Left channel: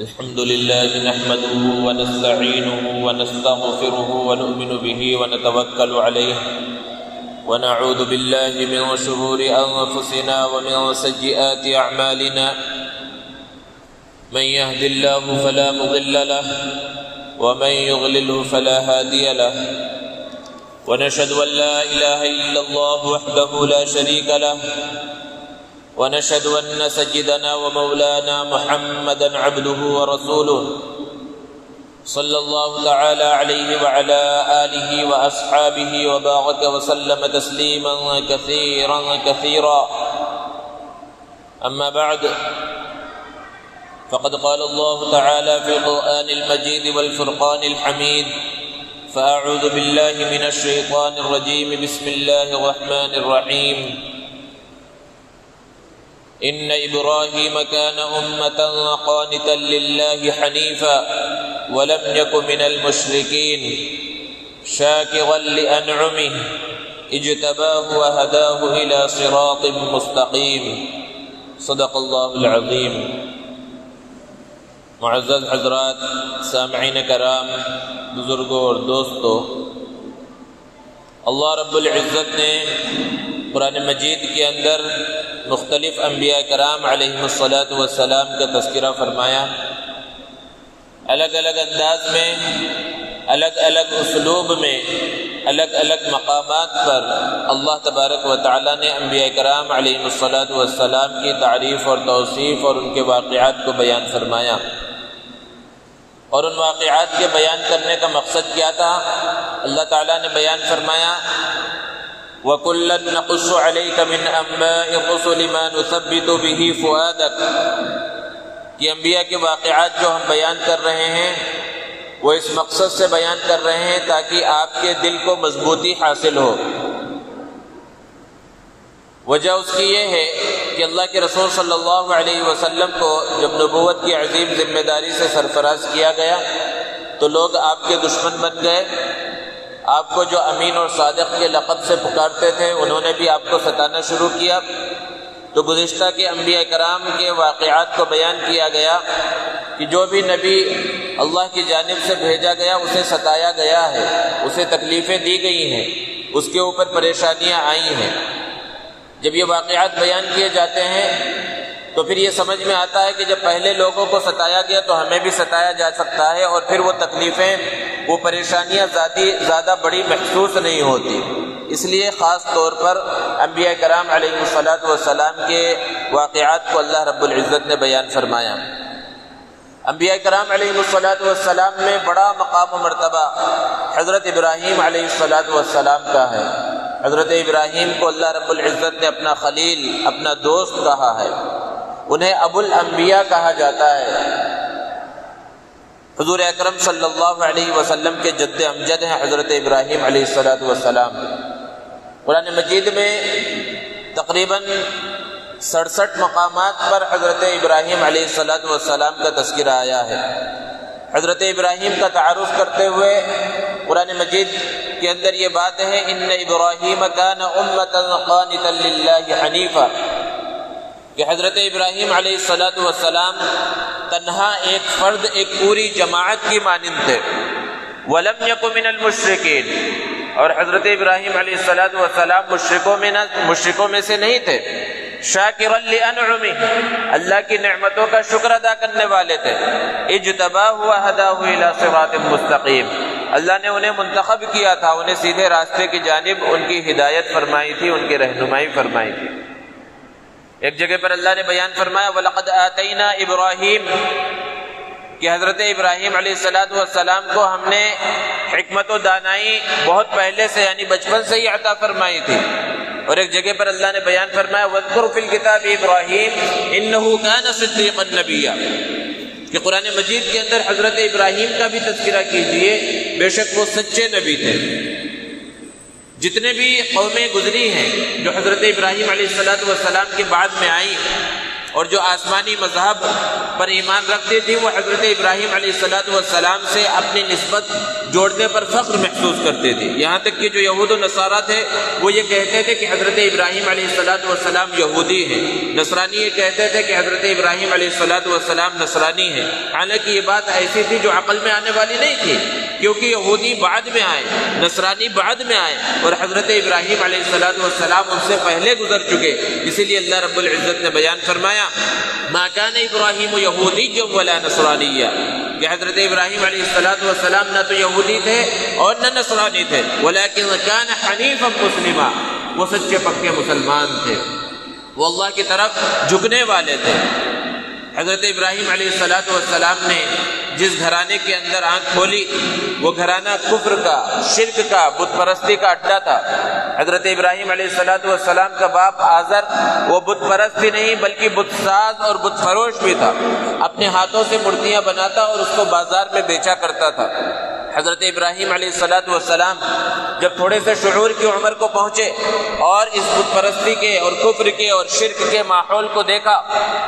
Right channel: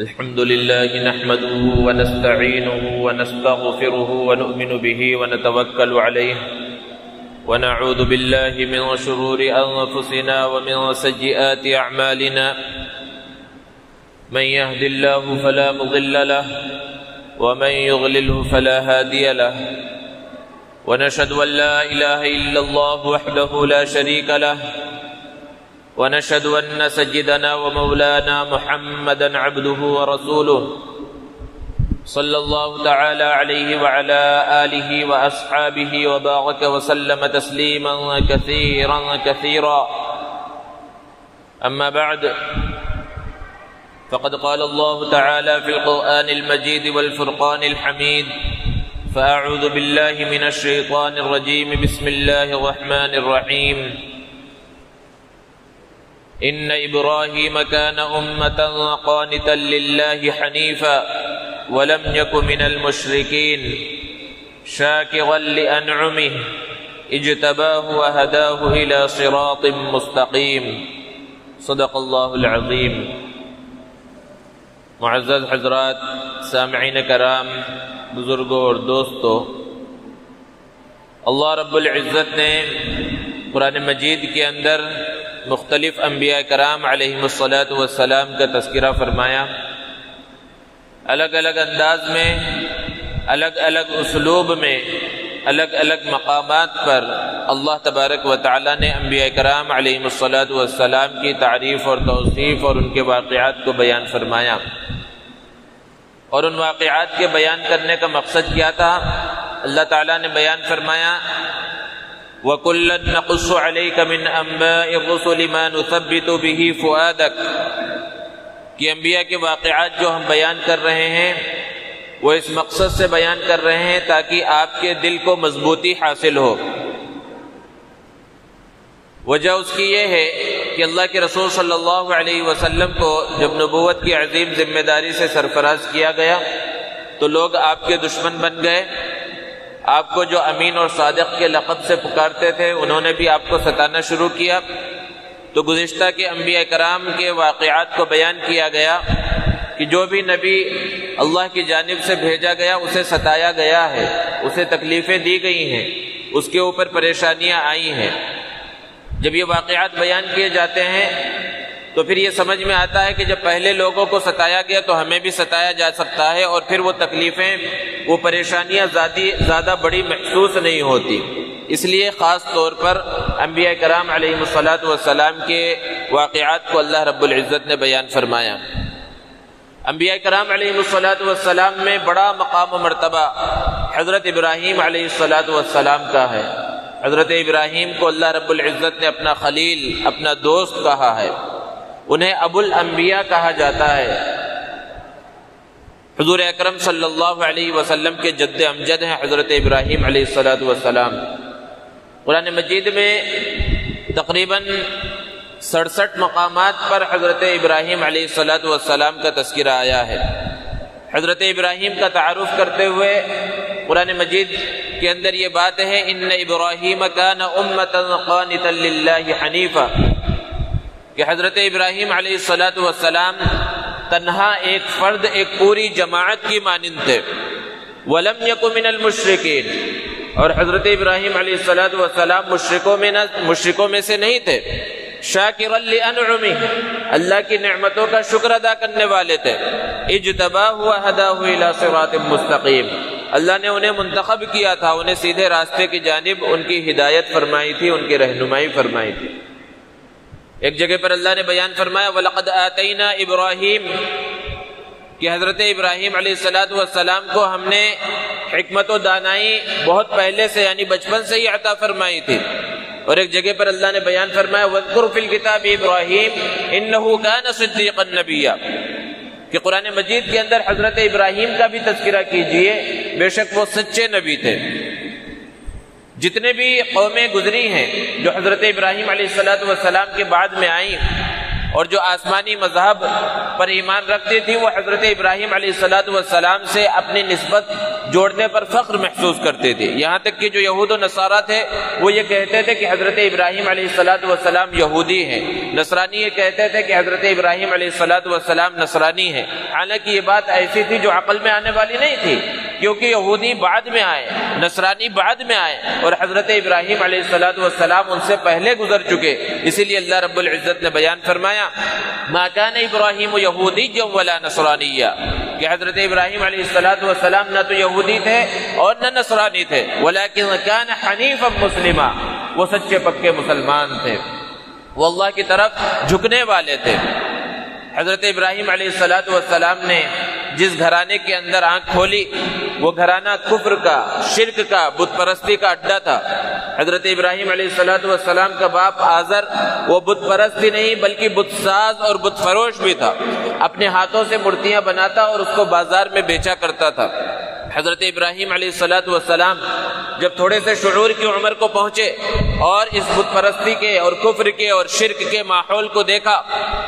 الحمد لله نحمده ونستعينه ونستغفره ونؤمن به ونتوكل عليه ونعوذ بالله من شرور أنفسنا ومن سيئات أعمالنا من يهد الله فلا مضل له ومن يضلله فلا هادي له ونشهد أن لا إله إلا الله وحده لا شريك له ونشهد أن سيدنا ومولانا محمدا عبده ورسوله صلى الله تعالى عليه وعلى آله وأصحابه وبارك وسلم تسليما كثيرا أما بعد فقد قال الله تعالى في القرآن المجيد والفرقان الحميد فأعوذ بالله من الشيطان الرجيم بسم الله الرحمن الرحيم إن إبراهيم كان أمة قانتا لله حنيفا ولم يك من المشركين شاكرا لأنعمه اجتباه وهداه إلى صراط مستقيم صدق الله العظيم. معزز حضرات، سامعین کرام، بزرگوں اور دوستوں، اللہ رب العزت نے قرآن مجید کے اندر مختلف انبیاء کرام علیہم الصلاۃ کا تذکرہ فرمایا. الگ الگ انداز میں، الگ الگ اسلوب میں، الگ الگ مقامات پر اللہ تبارک و تعالی نے انبیاء کرام علیہم الصلاۃ کی تعریف اور توصیف اور ان کے واقعات کو بیان فرمایا. اور ان واقعات کے بیان کرنے کا مقصد کیا تھا؟ اللہ تعالیٰ نے بیان فرمایا وَكُلًّا نَقُصُّ عَلَيْكَ مِنْ أَنْبَاءِ الرُّسُلِ مَا نُثَبِّتُ بِهِ فُؤَادَكَ کہ انبیاء کے واقعات جو ہم بیان کر رہے ہیں وہ اس مقصد سے بیان کر رہے ہیں تاکہ آپ کے دل کو مضبوطی حاصل ہو. وجہ اس کی یہ ہے کہ اللہ کے رسول صلی اللہ علیہ وسلم کو جب نبوت کی عظیم ذمہ داری سے سرفراز کیا گیا تو لوگ آپ کے دشمن بن گئے. آپ کو جو امین اور صادق کے لقب سے پکارتے تھے انہوں نے بھی آپ کو ستانا شروع کیا. تو گزشتہ کے انبیاء کرام کے واقعات کو بیان کیا گیا کہ جو بھی نبی اللہ کی جانب سے بھیجا گیا اسے ستایا گیا ہے، اسے تکلیفیں دی گئی ہیں، اس کے اوپر پریشانیاں آئی ہیں. جب یہ واقعات بیان کیے جاتے ہیں تو پھر یہ سمجھ میں آتا ہے کہ جب پہلے لوگوں کو ستایا گیا تو ہمیں بھی ستایا جا سکتا ہے، اور پھر وہ تکلیفیں، وہ پریشانیاں زیادہ بڑی محسوس نہیں ہوتی. اس لیے خاص طور پر انبیاء کرام علیہ الصلاۃ کے واقعات کو اللہ رب العزت نے بیان فرمایا. انبیاء کرام علیہ الصلاۃ میں بڑا مقام و مرتبہ حضرت ابراہیم علیہ السلام کا ہے. حضرت ابراہیم کو اللہ رب العزت نے اپنا خلیل، اپنا دوست کہا ہے. انہیں ابو الانبیاء کہا جاتا ہے. حضور اکرم صلی اللہ علیہ وسلم کے جد امجد ہیں حضرت ابراہیم علیہ السلام. قرآن مجید میں تقریباً 67 مقامات پر حضرت ابراہیم علیہ السلام کا تذکرہ آیا ہے. حضرت ابراہیم کا تعارف کرتے ہوئے قرآن مجید کے اندر یہ بات ہے ان ابراہیم کان امۃ قانتا للہ حنیفا کہ حضرت ابراہیم علیہ السلام تنہا ایک فرد، ایک پوری جماعت کی مانند تھے. ولم یک من المشرکین اور حضرت ابراہیم علیہ السلام مشرکوں میں سے نہیں تھے. شاکرا لانعمہ اللہ کی نعمتوں کا شکر ادا کرنے والے تھے. اجتباہ وہداہ الی صراط مستقیم اللہ نے انہیں منتخب کیا تھا، انہیں سیدھے راستے کی جانب ان کی ہدایت فرمائی تھی، ان کی رہنمائی فرمائی تھی. ایک جگہ پر اللہ نے بیان فرمایا وَلَقَدْ آتَيْنَا إِبْرَاهِيمَ کہ حضرت ابراہیم علیہ السلام کو ہم نے حکمت و دانائی بہت پہلے سے یعنی بچپن سے ہی عطا فرمائی تھی. اور ایک جگہ پر اللہ نے بیان فرمایا وَاذْكُرْ فِي الْكِتَابِ إِبْرَاهِيمَ إِنَّهُ كَانَ صِدِّيقًا نَبِيًّا کہ قرآن مجید کے اندر حضرت ابراہیم کا بھی تذکرہ کیجئے، بے شک وہ سچے نبی تھے. جتنے بھی قومیں گزری ہیں جو حضرت ابراہیم علیہ السلام کے بعد میں آئیں، اور جو آسمانی مذہب پر ایمان رکھتی تھی وہ حضرت ابراہیم علیہ السلام سے اپنی نسبت جوڑنے پر فخر محسوس کرتے تھے. یہاں تک کہ جو یہود و نصارہ تھے وہ یہ کہتے تھے کہ حضرت ابراہیم علیہ السلام یہودی ہیں. نصرانی یہ کہتے تھے کہ حضرت ابراہیم علیہ السلام نصرانی ہیں. حالانکہ یہ بات ایسی تھی جو عقل میں آنے والی نہیں تھی، کیونکہ یہودی بعد میں آئے، نصرانی بعد میں آئے، اور حضرت ابراہیم علیہ السلام ان سے پہلے گزر چکے. اسی لیے اللہ رب العزت نے بیان فرمایا ما کان ابراہیم یہودیا ولا نصرانیا، کہ حضرت ابراہیم علیہ السلام نہ تو یہودی تھے اور نہ نصرانی تھے، ولکن کان حنیفا مسلما، وہ سچے پکے مسلمان تھے، وہ اللہ کی طرف جھکنے والے تھے. حضرت ابراہیم علیہ السلام نے جس گھرانے کے اندر آنکھ کھولی وہ گھرانہ کفر کا، شرک کا، بت پرستی کا اڈا تھا. حضرت ابراہیم علیہ السلام کا باپ آزر وہ بت پرست ہی نہیں بلکہ بت ساز اور بت فروش بھی تھا. اپنے ہاتھوں سے مورتیاں بناتا اور اس کو بازار میں بیچا کرتا تھا. حضرت ابراہیم علیہ السلام جب تھوڑے سے شعور کی عمر کو پہنچے اور اس بت پرستی کے اور کفر کے اور شرک کے ماحول کو دیکھا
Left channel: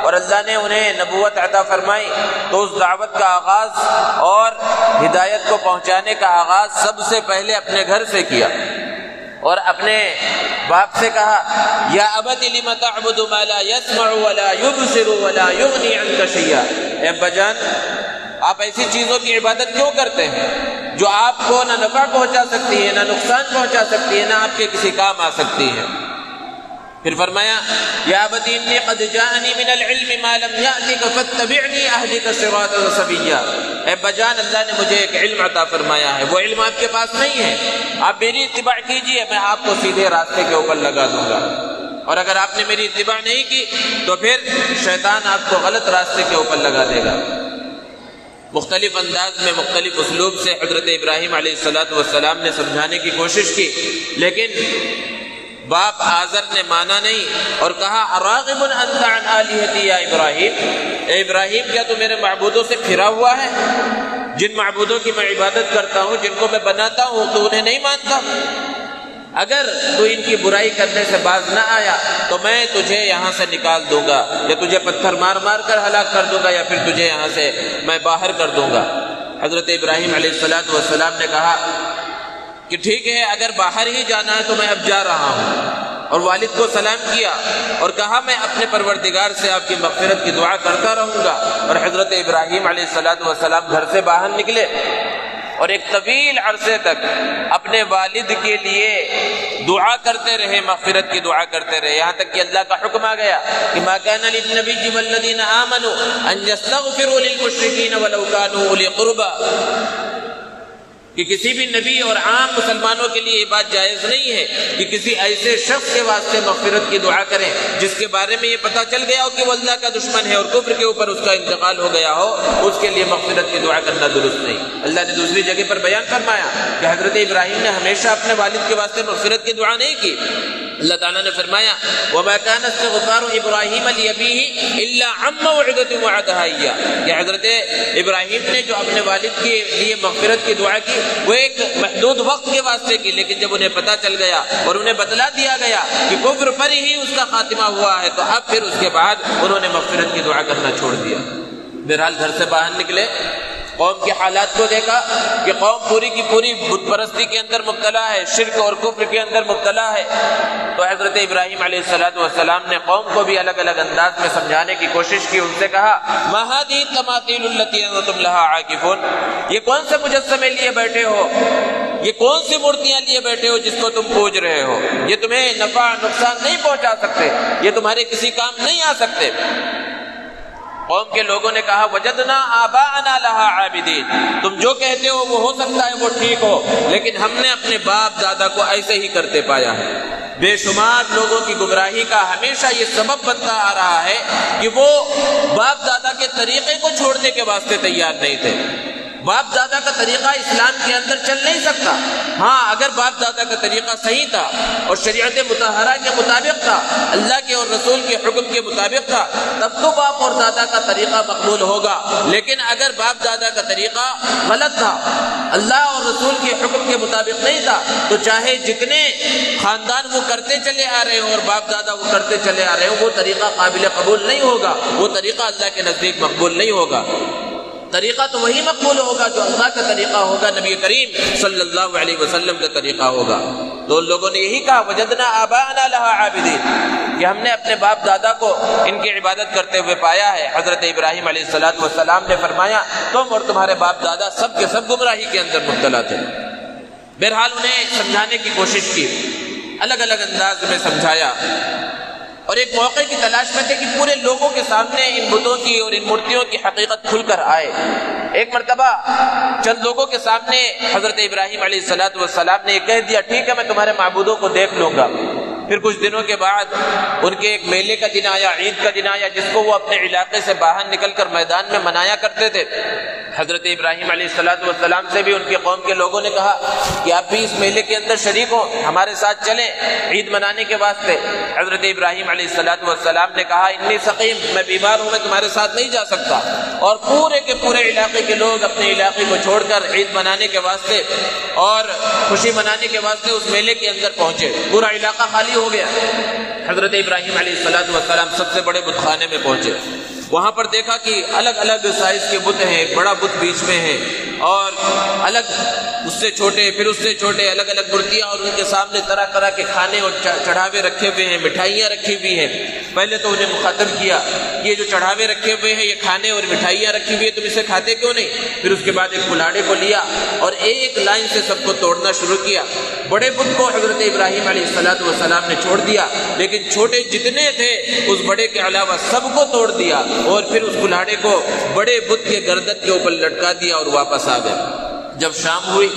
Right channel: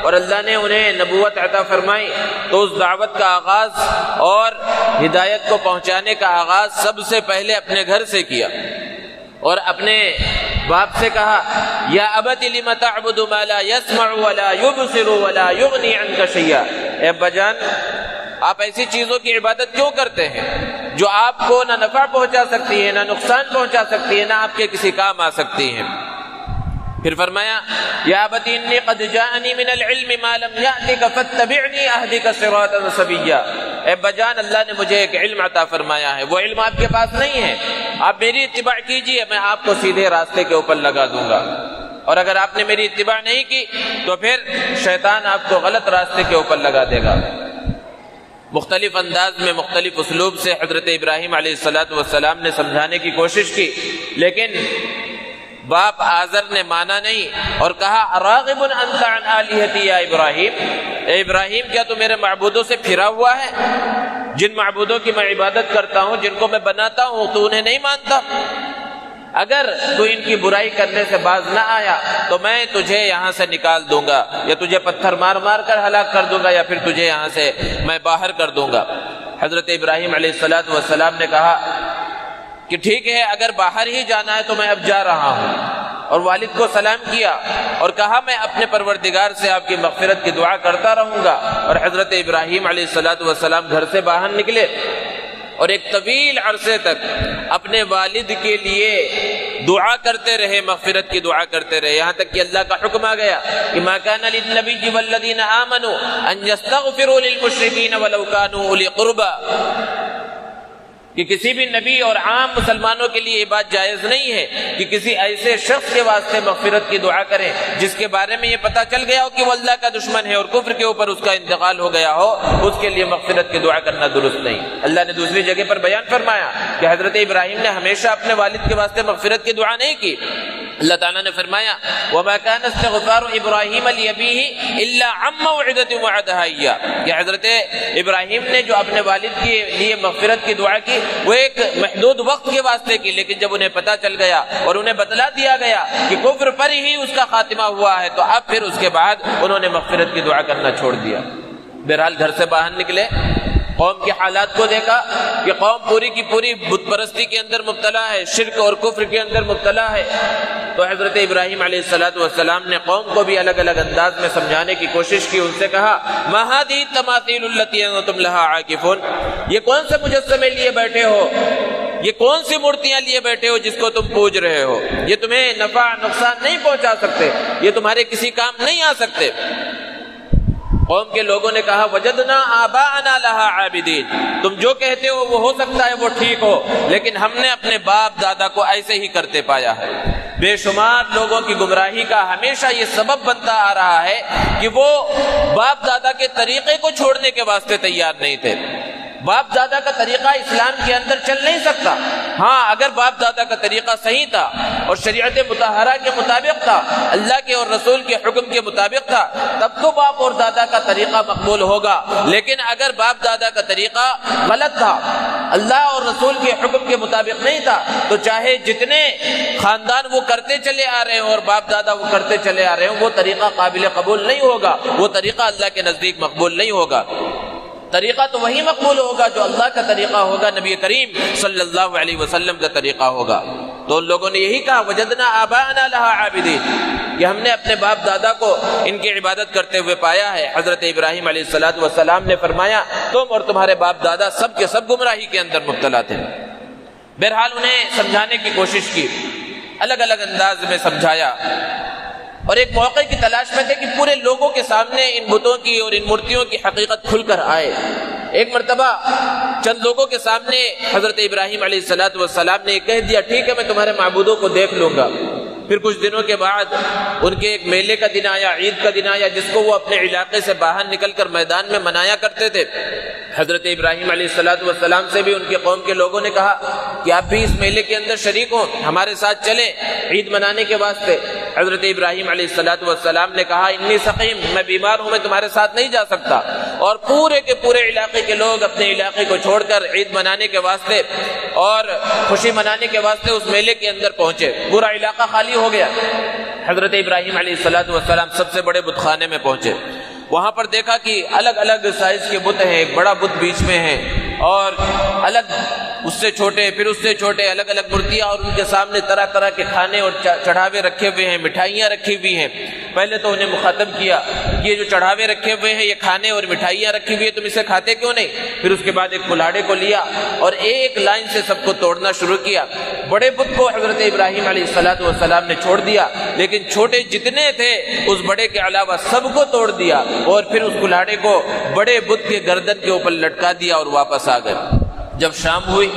اور اللہ نے انہیں نبوت عطا فرمائی، تو اس دعوت کا آغاز اور ہدایت کو پہنچانے کا آغاز سب سے پہلے اپنے گھر سے کیا اور اپنے باپ سے کہا یا ابت لم تعبد ما لا يسمع ولا يبصر ولا يغني عنك شيئا، اے ابا جان آپ ایسی چیزوں کی عبادت کیوں کرتے ہیں جو آپ کو نہ نفع پہنچا سکتی ہے، نہ نقصان پہنچا سکتی ہے، نہ آپ کے کسی کام آ سکتی ہے. پھر فرمایا یا ابت انی قد جاءنی من العلم ما لم یأتک فاتبعنی اہدک صراطا سویا، اے ابا جان اللہ نے مجھے ایک علم عطا فرمایا ہے، وہ علم آپ کے پاس نہیں ہے، آپ میری اتباع کیجئے، میں آپ کو سیدھے راستے کے اوپر لگا دوں گا. اور اگر آپ نے میری اتباع نہیں کی تو پھر شیطان آپ کو غلط راستے کے اوپر لگا دے گا. مختلف انداز میں مختلف اسلوب سے حضرت ابراہیم علیہ السلام نے سمجھانے کی کوشش کی، لیکن باپ آزر نے مانا نہیں اور کہا اراغب انت عن آلہتی یا ابراہیم، اے ابراہیم کیا تو میرے معبودوں سے پھرا ہوا ہے؟ جن معبودوں کی میں عبادت کرتا ہوں، جن کو میں بناتا ہوں، تو انہیں نہیں مانتا؟ اگر تو ان کی برائی کرنے سے باز نہ آیا تو میں تجھے یہاں سے نکال دوں گا، یا تجھے پتھر مار مار کر ہلاک کر دوں گا، یا پھر تجھے یہاں سے میں باہر کر دوں گا. حضرت ابراہیم علیہ السلام نے کہا کہ ٹھیک ہے اگر باہر ہی جانا ہے تو میں اب جا رہا ہوں، اور والد کو سلام کیا اور کہا میں اپنے پروردگار سے آپ کی مغفرت کی دعا کرتا رہوں گا. اور حضرت ابراہیم علیہ السلام گھر سے باہر نکلے اور ایک طویل عرصے تک اپنے والد کے لیے دعا کرتے رہے، مغفرت کی دعا کرتے رہے، یہاں تک کہ اللہ کا حکم آ گیا کہ ما کان للنبی والذین آمنوا ان یستغفروا للمشرکین ولو کانوا اولی قربی، کہ کسی بھی نبی اور عام مسلمانوں کے لیے یہ بات جائز نہیں ہے کہ کسی ایسے شخص کے واسطے مغفرت کی دعا کریں جس کے بارے میں یہ پتہ چل گیا ہو کہ وہ اللہ کا دشمن ہے اور کفر کے اوپر اس کا انتقال ہو گیا ہو، اس کے لیے مغفرت کی دعا کرنا درست نہیں. اللہ نے دوسری جگہ پر بیان فرمایا کہ حضرت ابراہیم نے ہمیشہ اپنے والد کے واسطے مغفرت کی دعا نہیں کی. اللہ تعالیٰ نے فرمایا وَمَا كَانَ اسْتِغْفَارُ إِبْرَاهِيمَ لِأَبِيهِ إِلَّا عَن مَّوْعِدَةٍ وَعَدَهَا إِيَّاهُ، کہ حضرت ابراہیم نے جو اپنے والد کے لیے مغفرت کی دعا کی وہ ایک محدود وقت کے واسطے کی، لیکن جب انہیں پتہ چل گیا اور انہیں بتلا دیا گیا کہ کفر پر ہی اس کا خاتمہ ہوا ہے تو اب پھر اس کے بعد انہوں نے مغفرت کی دعا کرنا چھوڑ دیا. بہرحال گھر سے باہر نکلے، قوم کے حالات کو دیکھا کہ قوم پوری کی پوری بت پرستی کے اندر مبتلا ہے، شرک اور کفر کے اندر مبتلا ہے. تو حضرت ابراہیم علیہ السلام نے قوم کو بھی الگ الگ انداز میں سمجھانے کی کوشش کی. ان سے کہا ما هذه التماثيل التي انتم لها عاكفون، یہ کون سے مجسمے لیے بیٹھے ہو، یہ کون سی مورتیاں لیے بیٹھے ہو جس کو تم پوج رہے ہو، یہ تمہیں نفع نقصان نہیں پہنچا سکتے، یہ تمہارے کسی کام نہیں آ سکتے. قوم کے لوگوں نے کہا وجدنا آباءنا لها عابدین، تم جو کہتے ہو وہ ہو سکتا ہے وہ ٹھیک ہو، لیکن ہم نے اپنے باپ دادا کو ایسے ہی کرتے پایا ہے. بے شمار لوگوں کی گمراہی کا ہمیشہ یہ سبب بنتا آ رہا ہے کہ وہ باپ دادا کے طریقے کو چھوڑنے کے واسطے تیار نہیں تھے. باپ دادا کا طریقہ اسلام کے اندر چل نہیں سکتا۔ ہاں اگر باپ دادا کا طریقہ صحیح تھا اور شریعت مطہرہ کے مطابق تھا، اللہ کے اور رسول کے حکم کے مطابق تھا، تب تو باپ اور دادا کا طریقہ مقبول ہوگا۔ لیکن اگر باپ دادا کا طریقہ غلط تھا، اللہ اور رسول کے حکم کے مطابق نہیں تھا، تو چاہے جتنے خاندان وہ کرتے چلے آ رہے ہوں اور باپ دادا وہ کرتے چلے آ رہے ہوں، وہ طریقہ قابل قبول نہیں ہوگا، وہ طریقہ اللہ کے نزدیک مقبول نہیں ہوگا۔ طریقہ تو وہی مقبول ہوگا جو اللہ کا طریقہ ہوگا، نبی کریم صلی اللہ علیہ وسلم کا طریقہ ہوگا۔ تو ان لوگوں نے یہی کہا وجدنا آباءنا لها عابدین، کہ ہم نے اپنے باپ دادا کو ان کی عبادت کرتے ہوئے پایا ہے۔ حضرت ابراہیم علیہ السلام نے فرمایا تم اور تمہارے باپ دادا سب کے سب گمراہی کے اندر مبتلا تھے۔ بہرحال انہیں سمجھانے کی کوشش کی، الگ الگ انداز میں سمجھایا، اور ایک موقع کی تلاش میں تھے کہ پورے لوگوں کے سامنے ان بتوں کی اور ان مورتیوں کی حقیقت کھل کر آئے۔ ایک مرتبہ چند لوگوں کے سامنے حضرت ابراہیم علیہ السلام نے یہ کہہ دیا ٹھیک ہے میں تمہارے معبودوں کو دیکھ لوں گا۔ پھر کچھ دنوں کے بعد ان کے ایک میلے کا دن آیا، عید کا دن آیا، جس کو وہ اپنے علاقے سے باہر نکل کر میدان میں منایا کرتے تھے۔ حضرت ابراہیم علیہ السلام سے بھی ان کی قوم کے لوگوں نے کہا کہ آپ بھی اس میلے کے اندر شریک ہوں، ہمارے ساتھ چلیں عید منانے کے واسطے۔ حضرت ابراہیم علیہ السلام نے کہا انی سقیم، میں بیمار ہوں، میں تمہارے ساتھ نہیں جا سکتا۔ اور پورے کے پورے علاقے کے لوگ اپنے علاقے کو چھوڑ کر عید منانے کے واسطے اور خوشی منانے کے واسطے اس میلے کے اندر پہنچے۔ پورا علاقہ خالی ہو گیا۔ حضرت ابراہیم علیہ السلام سب سے بڑے بت خانے میں پہنچے۔ وہاں پر دیکھا کہ الگ الگ سائز کے بت ہیں، بڑا بت بیچ میں ہے اور الگ اس سے چھوٹے، پھر اس سے چھوٹے، الگ الگ مورتیاں، اور ان کے سامنے طرح طرح کے کھانے اور چڑھاوے رکھے ہوئے ہیں، مٹھائیاں رکھی ہوئی ہیں۔ پہلے تو انہیں مخاطب کیا یہ جو چڑھاوے رکھے ہوئے ہیں، یہ کھانے اور مٹھائیاں رکھی ہوئی ہیں، تم اسے کھاتے کیوں نہیں؟ پھر اس کے بعد ایک کلاڑے کو لیا اور ایک لائن سے سب کو توڑنا شروع کیا۔ بڑے بت کو حضرت ابراہیم علیہ السلام نے چھوڑ دیا، لیکن چھوٹے جتنے تھے اس بڑے کے علاوہ سب کو توڑ دیا، اور پھر اس کلاڑے کو بڑے بت کے گردن کے اوپر لٹکا دیا اور واپس آ گئے۔ جب شام ہوئی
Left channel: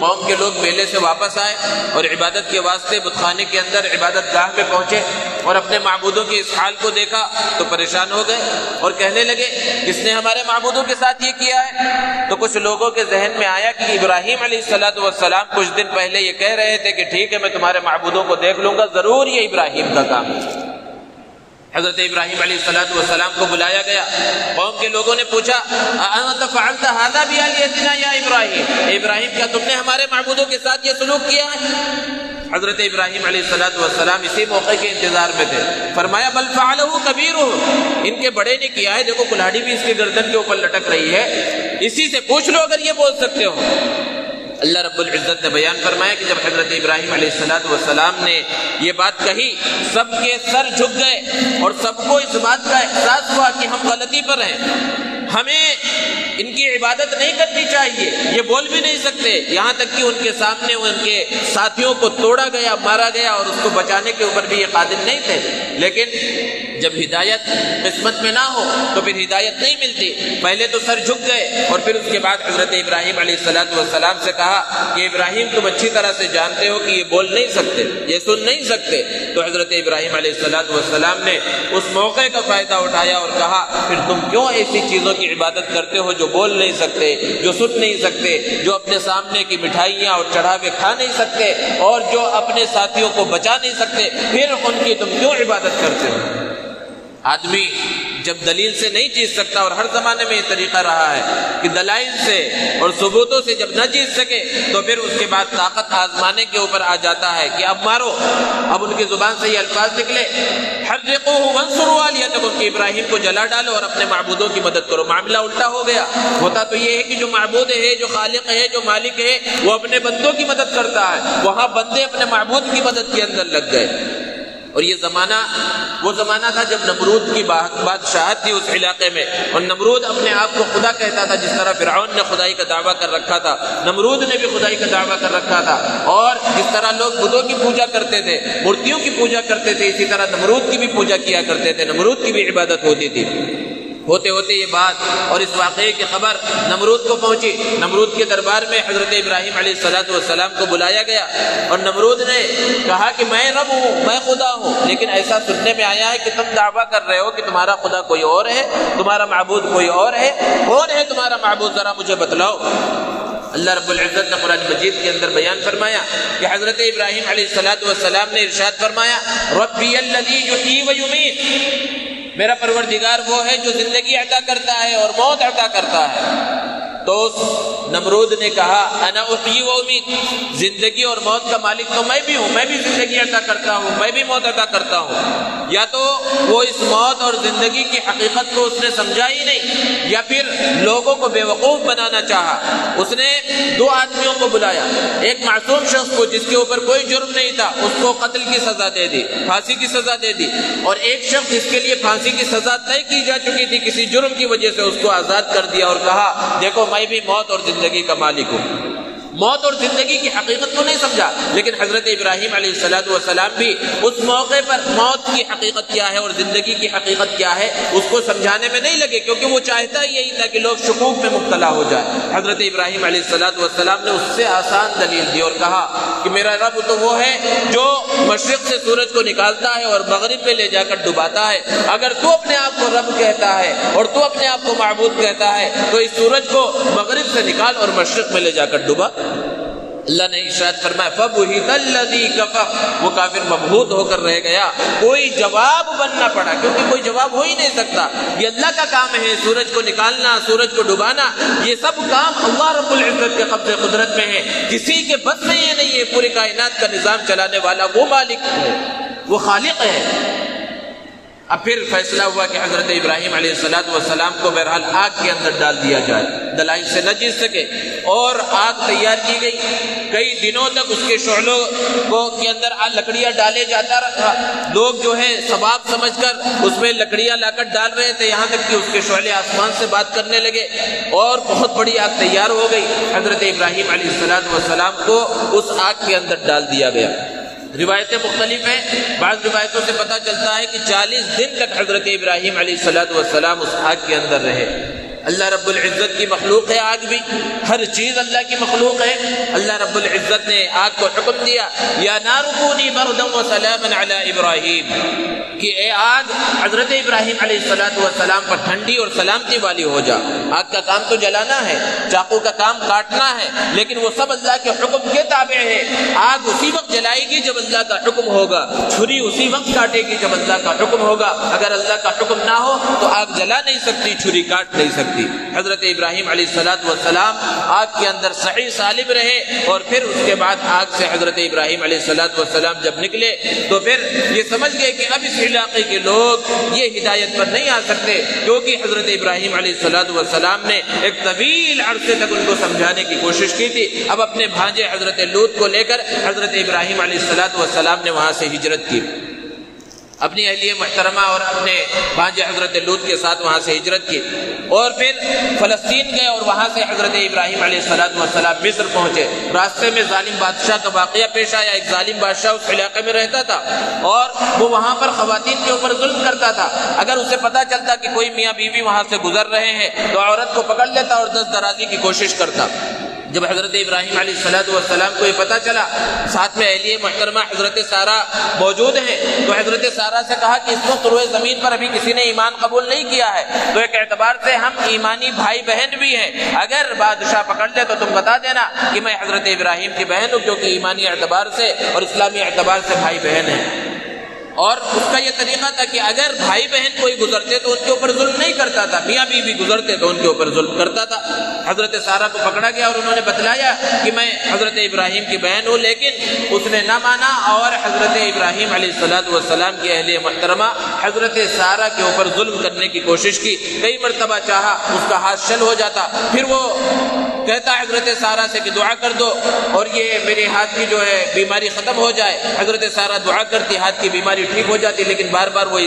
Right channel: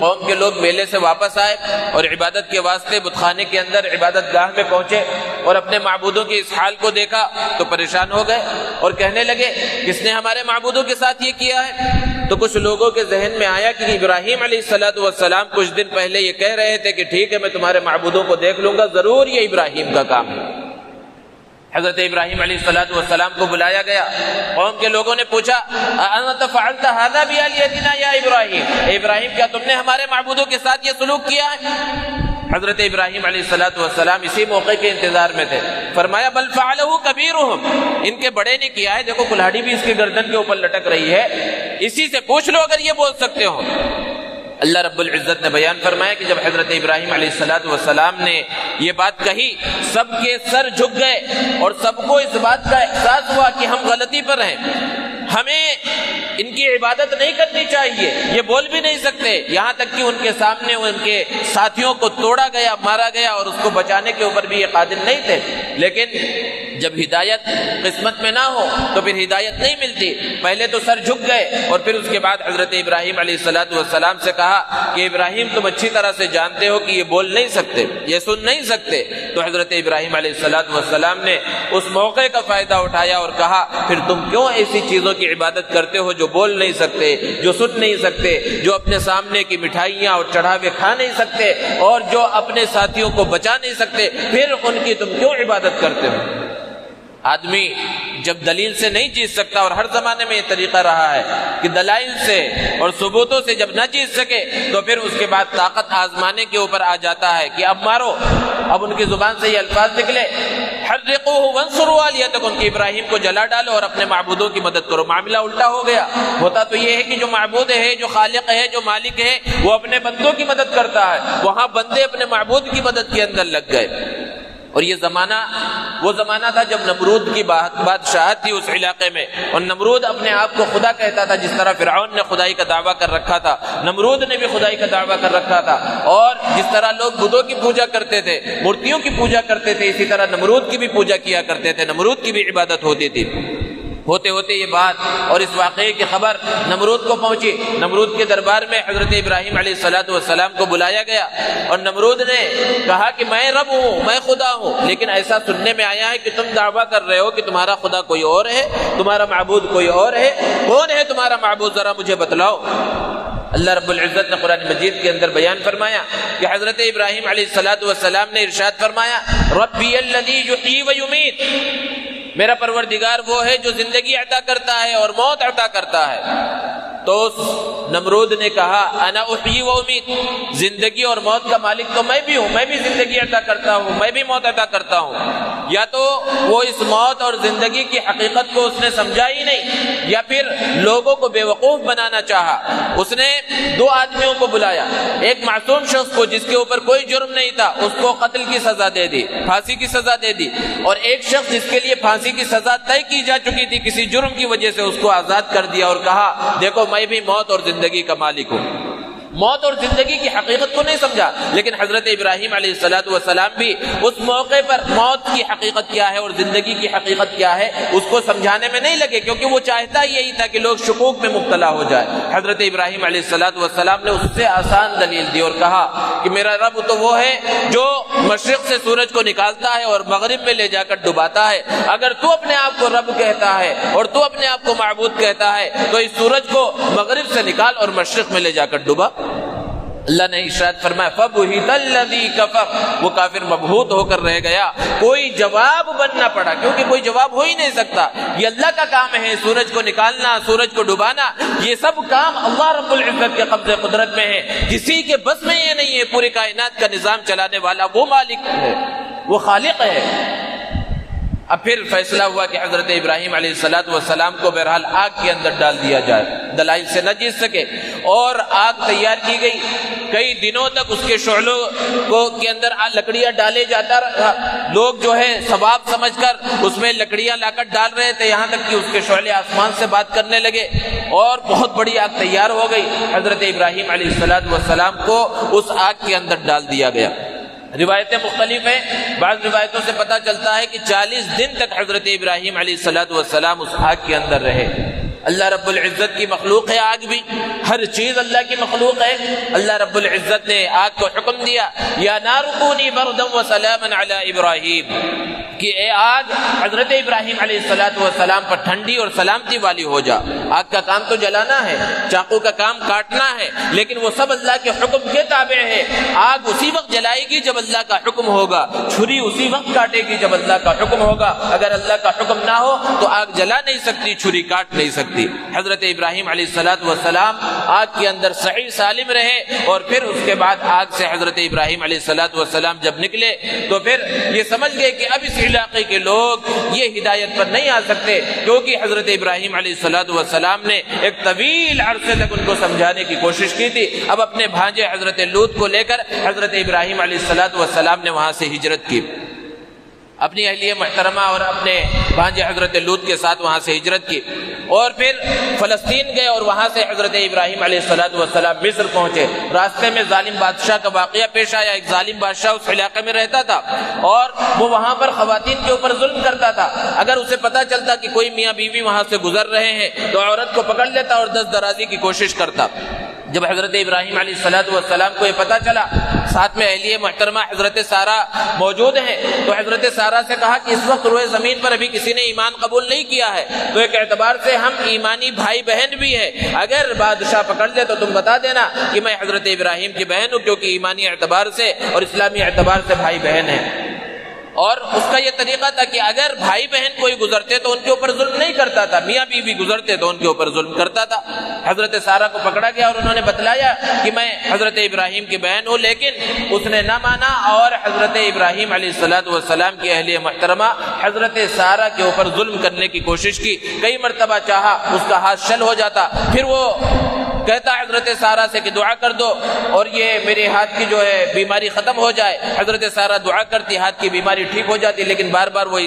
قوم کے لوگ میلے سے واپس آئے اور عبادت کے واسطے بت خانے کے اندر عبادت گاہ میں پہنچے اور اپنے معبودوں کے اس حال کو دیکھا تو پریشان ہو گئے اور کہنے لگے کس نے ہمارے معبودوں کے ساتھ یہ کیا ہے؟ تو کچھ لوگوں کے ذہن میں آیا کہ ابراہیم علیہ السلام کچھ دن پہلے یہ کہہ رہے تھے کہ ٹھیک ہے میں تمہارے معبودوں کو دیکھ لوں گا، ضرور یہ ابراہیم کا کام ہے۔ حضرت ابراہیم علیہ السلام کو بلایا گیا۔ قوم کے لوگوں نے پوچھا اَأَنْتَ فَعَلْتَ هَذَا بِآلِهَتِنَا يَا إِبْرَاهِيمُ، ابراہیم کیا تم نے ہمارے معبودوں کے ساتھ یہ سلوک کیا ہے؟ حضرت ابراہیم علیہ السلام اسی موقع کے انتظار میں تھے۔ فرمایا بل فعلہ کبیرہم، ان کے بڑے نے کیا ہے، دیکھو کلاڑی بھی اس کی گردن کے اوپر لٹک رہی ہے، اسی سے پوچھ لو اگر یہ بول سکتے ہو۔ اللہ رب العزت نے بیان فرمایا کہ جب حضرت ابراہیم علیہ السلام نے یہ بات کہی سب کے سر جھک گئے اور سب کو اس بات کا احساس ہوا کہ ہم غلطی پر ہیں، ہمیں ان کی عبادت نہیں کرنی چاہیے، یہ بول بھی نہیں سکتے، یہاں تک کہ ان کے سامنے ان کے ساتھیوں کو توڑا گیا، مارا گیا اور اس کو بچانے کے اوپر بھی یہ قادر نہیں تھے۔ لیکن جب ہدایت قسمت میں نہ ہو تو پھر ہدایت نہیں ملتی۔ پہلے تو سر جھک گئے اور پھر اس کے بعد حضرت ابراہیم علیہ السلام سے کہا کہ ابراہیم تم اچھی طرح سے جانتے ہو کہ یہ بول نہیں سکتے، یہ سن نہیں سکتے۔ تو حضرت ابراہیم علیہ السلام نے اس موقع کا فائدہ اٹھایا اور کہا پھر تم کیوں ایسی چیزوں کی عبادت کرتے ہو جو بول نہیں سکتے، جو سن نہیں سکتے، جو اپنے سامنے کی مٹھائیاں اور چڑھاوے کھا نہیں سکتے اور جو اپنے ساتھیوں کو بچا نہیں سکتے، پھر ان کی تم کیوں عبادت کرتے ہو؟ آدمی جب دلیل سے نہیں جیت سکتا، اور ہر زمانے میں یہ طریقہ رہا ہے کہ دلائل سے اور ثبوتوں سے جب نہ جیت سکے تو پھر اس کے بعد طاقت آزمانے کے اوپر آ جاتا ہے کہ اب مارو۔ اب ان کی زبان سے یہ الفاظ نکلے حرقوہ وانصروا آلیہتکم، کہ ابراہیم کو جلا ڈالو اور اپنے معبودوں کی مدد کرو۔ معاملہ الٹا ہو گیا۔ ہوتا تو یہ ہے کہ جو معبود ہے، جو خالق ہے، جو مالک ہے، وہ اپنے بندوں کی مدد کرتا ہے، وہاں بندے اپنے معبود کی مدد کے اندر لگ گئے۔ اور یہ زمانہ وہ زمانہ تھا جب نمرود کی بادشاہت تھی اس علاقے میں، اور نمرود اپنے آپ کو خدا کہتا تھا، جس طرح فرعون نے خدائی کا دعویٰ کر رکھا تھا، نمرود نے بھی خدائی کا دعویٰ کر رکھا تھا۔ اور جس طرح لوگ بتوں کی پوجا کرتے تھے، مورتیوں کی پوجا کرتے تھے، اسی طرح نمرود کی بھی پوجا کیا کرتے تھے، نمرود کی بھی عبادت ہوتی تھی۔ ہوتے ہوتے یہ بات اور اس واقعے کی خبر نمرود کو پہنچی۔ نمرود کے دربار میں حضرت ابراہیم علیہ السلام کو بلایا گیا اور نمرود نے کہا کہ میں رب ہوں، میں خدا ہوں، لیکن ایسا سننے میں آیا ہے کہ تم دعویٰ کر رہے ہو کہ تمہارا خدا کوئی اور ہے، تمہارا معبود کوئی اور ہے، کون ہے تمہارا معبود، ذرا مجھے بتلاؤ۔ اللہ رب العزت نے قرآن مجید کے اندر بیان فرمایا کہ حضرت ابراہیم علیہ السلام نے ارشاد فرمایا ربی الذی یحیی و یمیت، میرا پروردگار وہ ہے جو زندگی عطا کرتا ہے اور موت عطا کرتا ہے۔ تو اس نمرود نے کہا انا احیی و امیت، زندگی اور موت کا مالک تو میں بھی ہوں، میں بھی زندگی عطا کرتا ہوں، میں بھی موت عطا کرتا ہوں۔ یا تو وہ اس موت اور زندگی کی حقیقت کو اس نے سمجھا ہی نہیں، یا پھر لوگوں کو بے وقوف بنانا چاہا۔ اس نے دو آدمیوں کو بلایا، ایک معصوم شخص کو جس کے اوپر کوئی جرم نہیں تھا، اس کو قتل کی سزا دے دی، پھانسی کی سزا دے دی، اور ایک شخص جس کے لیے پھانسی کی سزا طے کی جا چکی تھی کسی جرم کی وجہ سے، اس کو آزاد کر دیا اور کہا دیکھو میں بھی موت اور زندگی کا مالک ہوں۔ موت اور زندگی کی حقیقت کو نہیں سمجھا، لیکن حضرت ابراہیم علیہ السلام بھی اس موقع پر موت کی حقیقت کیا ہے اور زندگی کی حقیقت کیا ہے اس کو سمجھانے میں نہیں لگے، کیونکہ وہ چاہتا یہی تھا کہ لوگ شکوک میں مبتلا ہو جائے۔ حضرت ابراہیم علیہ السلام نے اس سے آسان دلیل دی اور کہا کہ میرا رب تو وہ ہے جو مشرق سے سورج کو نکالتا ہے اور مغرب میں لے جا کر ڈباتا ہے۔ اگر تو اپنے آپ کو رب کہتا ہے اور تو اپنے آپ کو معبود کہتا ہے تو اس سورج کو مغرب سے نکال اور مشرق میں لے جا کر ڈبا۔ اللہ نے ارشاد فرمایا فَبُهِتَ الَّذِي كَفَرَ، وہ کافر مبہوت ہو کر رہ گیا، کوئی جواب بننا پڑا، کیونکہ کوئی جواب ہو ہی نہیں سکتا۔ یہ اللہ کا کام ہے، سورج کو نکالنا، سورج کو ڈبانا، یہ سب کام اللہ رب العزت کے قبضے قدرت میں ہے، کسی کے بس میں یہ نہیں ہے۔ پوری کائنات کا نظام چلانے والا وہ مالک ہے، وہ خالق ہے۔ اب پھر فیصلہ ہوا کہ حضرت ابراہیم علیہ السلام کو بہرحال آگ کے اندر ڈال دیا جائے، دلائل سے نہ جیت سکے، اور آگ تیار کی گئی۔ کئی دنوں تک اس کے شعلوں کے اندر لکڑیاں ڈالے جاتا رہا، لوگ جو ہے ثواب سمجھ کر اس میں لکڑیاں لا کر ڈال رہے تھے، یہاں تک کہ اس کے شعلے آسمان سے بات کرنے لگے اور بہت بڑی آگ تیار ہو گئی۔ حضرت ابراہیم علیہ السلام کو اس آگ کے اندر ڈال دیا گیا۔ روایتیں مختلف ہیں، بعض روایتوں سے پتہ چلتا ہے کہ 40 دن تک حضرت ابراہیم علیہ السلام اس آگ کے اندر رہے۔ اللہ رب العزت کی مخلوق ہے آگ بھی، ہر چیز اللہ کی مخلوق ہے۔ اللہ رب العزت نے آگ کو حکم دیا یا نار کونی بردا وسلاما علی ابراہیم، کہ اے آگ حضرت ابراہیم علیہ السلام پر ٹھنڈی اور سلامتی والی ہو جا۔ آگ کا کام تو جلانا ہے، چاقو کا کام کاٹنا ہے، لیکن وہ سب اللہ کے حکم کے تابع ہے۔ آگ اسی وقت جلائے گی جب اللہ کا حکم ہوگا، چھری اسی وقت کاٹے گی جب اللہ کا حکم ہوگا۔ اگر اللہ کا حکم نہ ہو تو آگ جلا نہیں سکتی، چھری کاٹ نہیں سکتی۔ حضرت ابراہیم علیہ السلام آگ کے اندر صحیح سالم رہے، اور پھر اس کے بعد آگ سے حضرت ابراہیم علیہ السلام جب نکلے تو پھر یہ سمجھ گئے کہ اب اس علاقے کے لوگ یہ ہدایت پر نہیں آ سکتے، کیونکہ حضرت ابراہیم علیہ السلام نے ایک طویل عرصے تک ان کو سمجھانے کی کوشش کی تھی۔ اب اپنے بھانجے حضرت لوط کو لے کر حضرت ابراہیم علیہ السلام نے وہاں سے ہجرت کی، اپنی اہلیہ محترمہ اور اپنے بھانجے حضرت لوط کے ساتھ وہاں سے ہجرت کی، اور پھر فلسطین گئے، اور وہاں سے حضرت ابراہیم علیہ السلام مصر پہنچے۔ راستے میں ظالم بادشاہ کا واقعہ پیش آیا، ایک ظالم بادشاہ اس علاقے میں رہتا تھا اور وہ وہاں پر خواتین کے اوپر ظلم کرتا تھا۔ اگر اسے پتا چلتا کہ کوئی میاں بیوی وہاں سے گزر رہے ہیں تو عورت کو پکڑ لیتا اور دست درازی کی کوشش کرتا۔ جب حضرت ابراہیم علیہ السلام کو یہ پتا چلا، ساتھ میں اہلیہ محترمہ حضرت سارہ موجود ہیں، تو حضرت سارہ سے کہا کہ اس وقت روئے زمین پر ابھی کسی نے ایمان قبول نہیں کیا ہے، تو ایک اعتبار سے ہم ایمانی بھائی بہن بھی ہیں، اگر بادشاہ پکڑ لے تو تم بتا دینا کہ میں حضرت ابراہیم کی بہن ہوں، کیونکہ ایمانی اعتبار سے اور اسلامی اعتبار سے بھائی بہن ہیں۔ اور اس کا یہ طریقہ تھا کہ اگر بھائی بہن کوئی گزرتے تو ان کے اوپر ظلم نہیں کرتا تھا، میاں بیوی گزرتے تو ان کے اوپر ظلم کرتا تھا۔ حضرت سارہ کو پکڑا گیا اور انہوں نے بتلایا کہ میں حضرت ابراہیم کی بہن ہوں، لیکن اس نے نہ مانا، اور حضرت ابراہیم علیہ السلام کی اہلیہ محترمہ حضرت سارہ کے اوپر ظلم کرنے کی کوشش کی، کئی مرتبہ چاہا، اس کا ہاتھ شل ہو جاتا، پھر وہ کہتا حضرت سارہ سے کہ دعا کر دو اور یہ میرے ہاتھ کی جو ہے بیماری ختم ہو جائے۔ حضرت سارہ دعا کرتی، ہاتھ کی بیماری بیماری ٹھیک ہو جاتی، لیکن بار بار وہ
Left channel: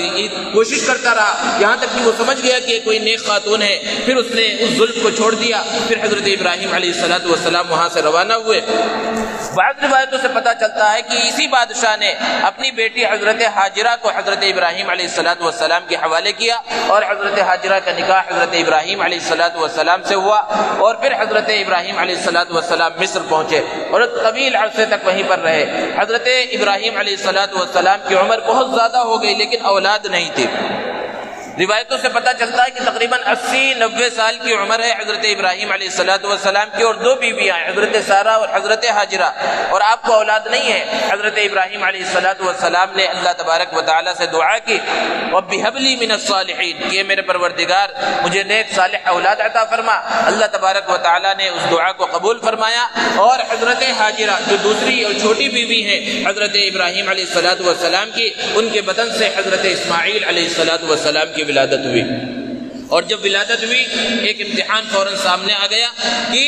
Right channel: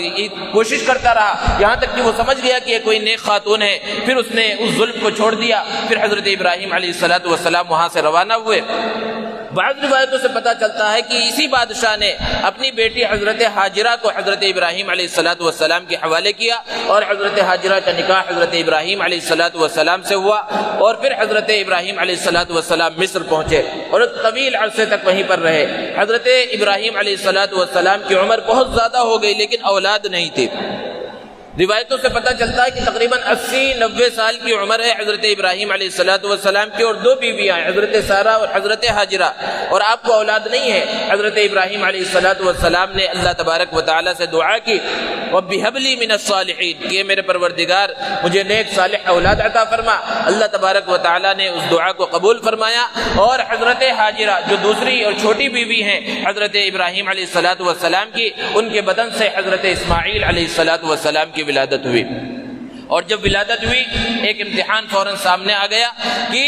کوشش کرتا رہا، یہاں تک کہ وہ سمجھ گیا کہ کوئی نیک خاتون ہے، پھر اس نے اس ظلم کو چھوڑ دیا۔ پھر حضرت ابراہیم علیہ السلام وہاں سے روانہ ہوئے۔ بعض روایتوں سے پتہ چلتا ہے کہ اسی بادشاہ نے اپنی بیٹی حضرت ہاجرہ کو حضرت ابراہیم علیہ السلام کے حوالے کیا، اور حضرت ہاجرہ کا نکاح حضرت ابراہیم علیہ السلام سے ہوا، اور پھر حضرت ابراہیم علیہ السلام مصر پہنچے اور طویل عرصے تک وہیں پر رہے۔ حضرت ابراہیم علیہ السلام کی عمر بہت زیادہ ہو گئی، لیکن اولاد نہیں تھی۔ روایتوں سے پتہ چلتا ہے کہ تقریباً 80-90 سال کی عمر ہے حضرت ابراہیم علیہ السلام کی، اور 2 بیویاں ہیں، حضرت سارہ اور حضرت ہاجرہ، اور آپ کو اولاد نہیں ہے۔ حضرت ابراہیم علیہ السلام نے اللہ تبارک و تعالیٰ سے دعا کی، رب هب لي من الصالحین، کہ میرے پروردگار مجھے نیک صالح اولاد عطا فرما۔ اللہ تبارک و تعالیٰ نے اس دعا کو قبول فرمایا، اور حضرت ہاجرہ جو دوسری اور چھوٹی بیوی ہیں حضرت ابراہیم علیہ السلام کی، ان کے بدن سے حضرت اسماعیل علیہ السلام کی ولادت ہوئی۔ اور جب ولادت ہوئی، ایک امتحان فوراً سامنے آ گیا کہ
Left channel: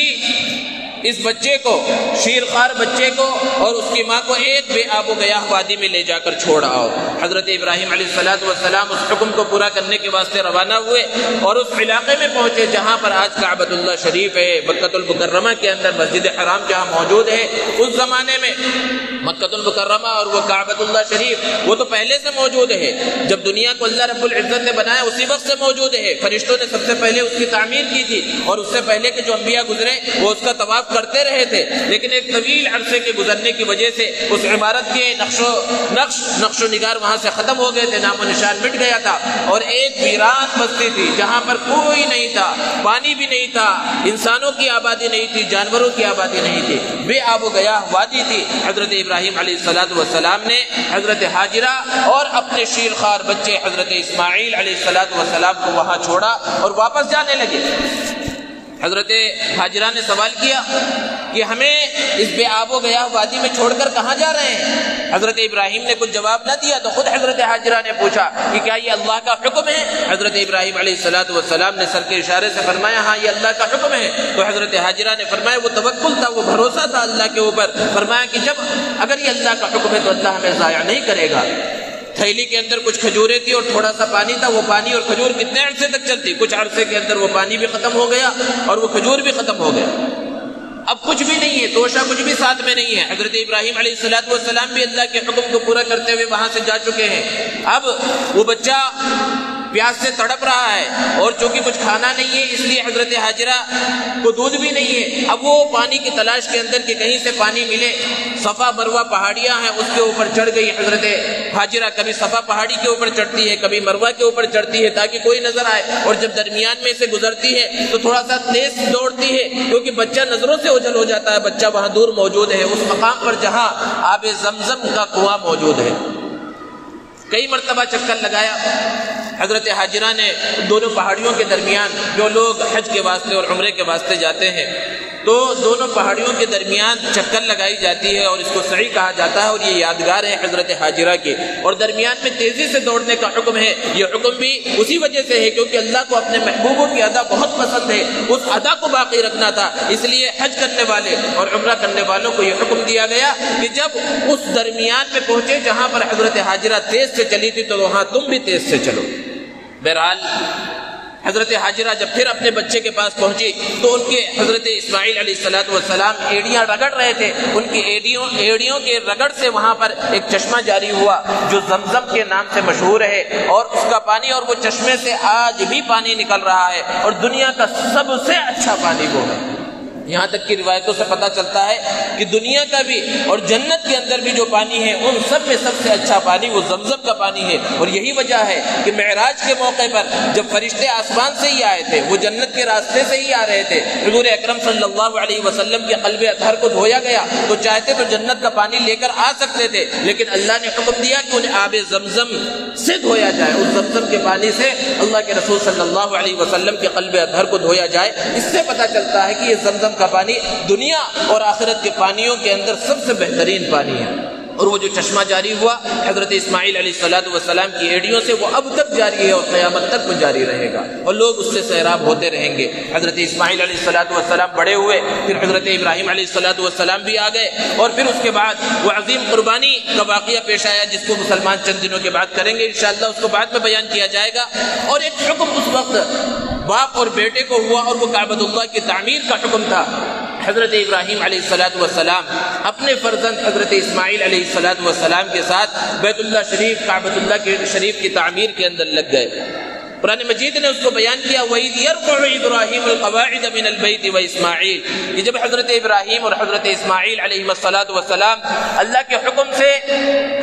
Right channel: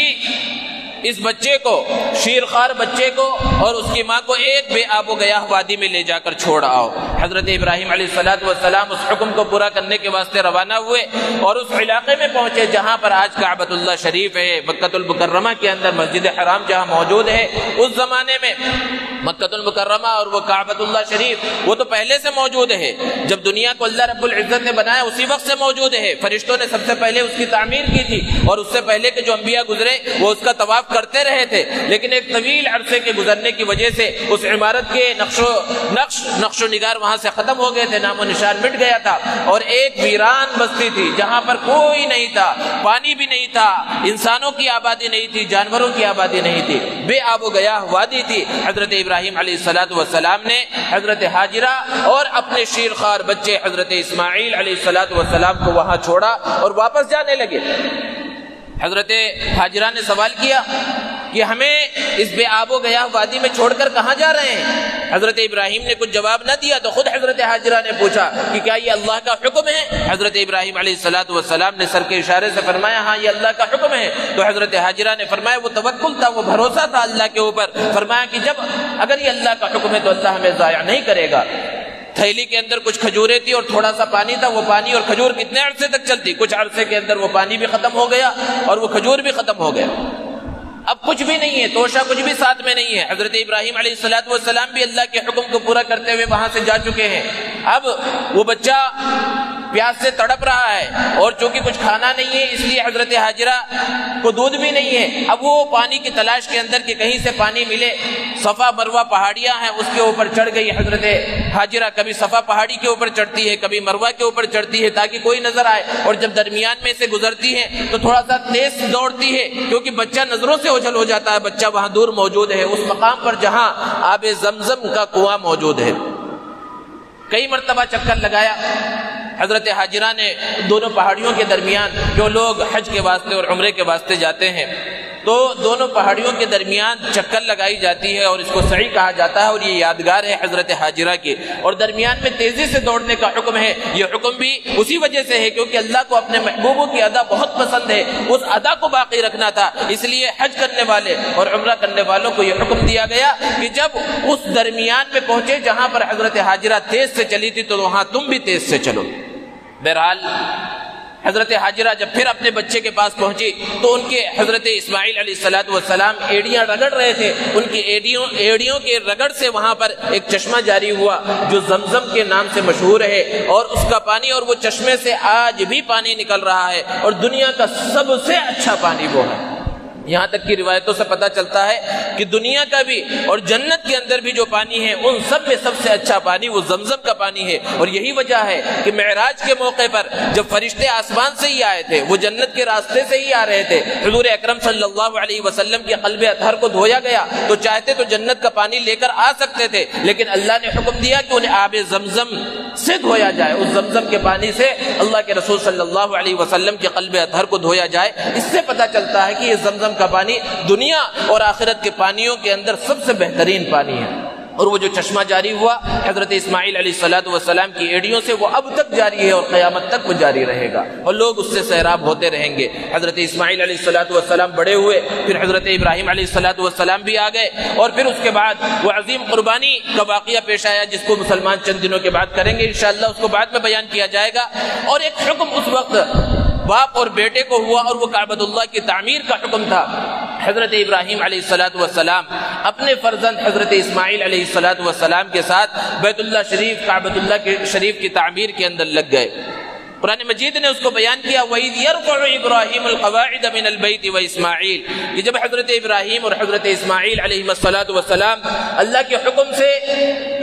اس بچے کو، شیرخوار بچے کو اور اس کی ماں کو ایک بے آب و گیاہ وادی میں لے جا کر چھوڑ آؤ۔ حضرت ابراہیم علیہ السلام اس حکم کو پورا کرنے کے واسطے روانہ ہوئے، اور اس علاقے میں پہنچے جہاں پر آج کعبۃ اللہ شریف ہے، مکہ المکرمہ کے اندر مسجد حرام جہاں موجود ہے۔ اس زمانے میں مکہ المکرمہ اور وہ کعبۃ اللہ شریف وہ تو پہلے سے موجود ہے، جب دنیا کو اللہ رب العزت نے بنایا اسی وقت سے موجود ہے۔ فرشتوں نے سب سے پہلے اس کی تعمیر کی تھی، اور اس سے پہلے کے جو انبیاء گزرے وہ اس کا طواف کرتے رہے تھے، لیکن ایک طویل عرصے کے گزرنے کی وجہ سے اس عمارت کے نقش و نگار وہاں سے ختم ہو گئے تھے، نام و نشان مٹ گیا تھا، اور ایک ویران بستی تھی جہاں پر کوئی نہیں تھا، پانی بھی نہیں تھا، انسانوں کی آبادی نہیں تھی، جانوروں کی آبادی نہیں تھی، بے آب و گیاہ وادی تھی۔ حضرت ابراہیم علیہ السلام نے حضرت ہاجرہ اور اپنے شیرخوار بچے حضرت اسماعیل علیہ السلام کو وہاں چھوڑا اور واپس جانے لگے۔ حضرت ہاجرہ نے سوال کیا کہ ہمیں اس بے آب و گیاہ وادی میں چھوڑ کر کہاں جا رہے ہیں؟ حضرت ابراہیم نے کچھ جواب نہ دیا تو خود حضرت ہاجرہ نے پوچھا کہ کیا یہ اللہ کا حکم ہے؟ حضرت ابراہیم علیہ السلام نے سر کے اشارے سے فرمایا ہاں یہ اللہ کا حکم ہے۔ تو حضرت ہاجرہ نے فرمایا، وہ توکل تھا، وہ بھروسہ تھا اللہ کے اوپر، فرمایا کہ جب اگر یہ اللہ کا حکم ہے تو اللہ ہمیں ضائع نہیں کرے گا۔ تھیلی کے اندر کچھ کھجوریں تھی اور تھوڑا سا پانی تھا، وہ پانی اور کھجور کتنے عرصے تک چلتی؟ کچھ عرصے کے اندر وہ پانی بھی ختم ہو گیا اور وہ کھجور بھی ختم ہو گیا، اب کچھ بھی نہیں ہے، توشہ کچھ بھی ساتھ میں نہیں ہے۔ حضرت ابراہیم علیہ السلام بھی اللہ کے حکم کو پورا کرتے ہوئے وہاں سے جا چکے ہیں۔ اب وہ بچہ پیاس سے تڑپ رہا ہے، اور چونکہ کچھ کھانا نہیں ہے اس لیے حضرت ہاجرہ کو دودھ بھی نہیں ہے۔ اب وہ پانی کی تلاش کے اندر کہ کہیں سے پانی ملے، صفا مروہ پہاڑیاں ہیں اس کے اوپر چڑھ گئی حضرت ہاجرہ، کبھی صفا پہاڑی کے اوپر چڑھتی ہے، کبھی مروہ کے اوپر چڑھتی ہے تاکہ کوئی نظر آئے، اور جب درمیان میں سے گزرتی ہے تو تھوڑا سا تیز دوڑتی ہے کیونکہ بچہ نظروں سے اوجھل ہو جاتا ہے۔ بچہ وہاں دور موجود ہے، اس مقام پر جہاں آب زمزم کا کنواں موجود ہے۔ کئی مرتبہ چکر لگایا حضرت ہاجرہ نے دونوں پہاڑیوں کے درمیان، جو لوگ حج کے واسطے اور عمرے کے واسطے جاتے ہیں تو دونوں پہاڑیوں کے درمیان چکر لگائی جاتی ہے، اور اس کو سعی کہا جاتا ہے، اور یہ یادگار ہے حضرت ہاجرہ کی۔ اور درمیان میں تیزی سے دوڑنے کا حکم ہے، یہ حکم بھی اسی وجہ سے ہے کیونکہ اللہ کو اپنے محبوبوں کی ادا بہت پسند ہے، اس ادا کو باقی رکھنا تھا، اس لیے حج کرنے والے اور عمرہ کرنے والوں کو یہ حکم دیا گیا کہ جب اس درمیان میں پہنچے جہاں پر حضرت ہاجرہ تیز سے چلی تھی تو وہاں تم بھی تیز سے چلو۔ بہرحال حضرت ہاجرہ جب پھر اپنے بچے کے پاس پہنچی تو ان کے حضرت اسماعیل علیہ السلام ایڑیاں رگڑ رہے تھے، ان کی ایڑیوں کے رگڑ سے وہاں پر ایک چشمہ جاری ہوا جو زمزم کے نام سے مشہور ہے، اور اس کا پانی اور وہ چشمے سے آج بھی پانی نکل رہا ہے، اور دنیا کا سب سے اچھا پانی وہ ہے۔ یہاں تک کی روایتوں سے پتہ چلتا ہے کہ دنیا کا بھی اور جنت کے اندر بھی جو پانی ہے ان سب میں سب سے اچھا پانی وہ زمزم کا پانی ہے۔ اور یہی وجہ ہے کہ معراج کے موقع پر جب فرشتے آسمان سے ہی آئے تھے، وہ جنت کے راستے سے ہی آ رہے تھے، حضور اکرم صلی اللہ علیہ وسلم کے قلب اطہر کو دھویا گیا تو چاہتے تو جنت کا پانی لے کر آ سکتے تھے، لیکن اللہ نے حکم دیا کہ انہیں آب زمزم سے دھویا جائے، اس زمزم کے پانی سے اللہ کے رسول صلی اللہ علیہ وسلم کے قلب اطہر کو دھویا جائے۔ اس سے پتہ چلتا ہے کہ یہ زمزم کا پانی دنیا اور آخرت کے پانیوں کے اندر سب سے بہترین پانی ہے۔ اور وہ جو چشمہ جاری ہوا حضرت اسماعیل علیہ السلام کی ایڑیوں سے، وہ اب تک جاری ہے اور قیامت تک وہ جاری رہے گا، اور لوگ اس سے سیراب ہوتے رہیں گے۔ حضرت اسماعیل علیہ السلام بڑے ہوئے، پھر حضرت ابراہیم علیہ السلام بھی آ گئے، اور پھر اس کے بعد وہ عظیم قربانی کا واقعہ پیش آیا جس کو مسلمان چند دنوں کے بعد کریں گے انشاءاللہ، اس کو بعد میں بیان کیا جائے گا۔ اور ایک حکم اس وقت باپ اور بیٹے کو ہوا، اور وہ کعبۃ اللہ کی تعمیر کا حکم تھا۔ حضرت ابراہیم علیہ السلام اپنے فرزند حضرت اسماعیل علیہ السلام کے ساتھ بیت اللہ شریف، کعبۃ اللہ شریف کی تعمیر کے اندر لگ گئے۔ قرآن مجید نے اس کو بیان کیا، وَإِذْ يَرْفَعُ إِبْرَاهِيمُ الْقَوَاعِدَ مِنَ الْبَيْتِ وَإِسْمَاعِيلُ، کہ جب حضرت ابراہیم اور حضرت اسماعیل علیہ السلام اللہ کے حکم سے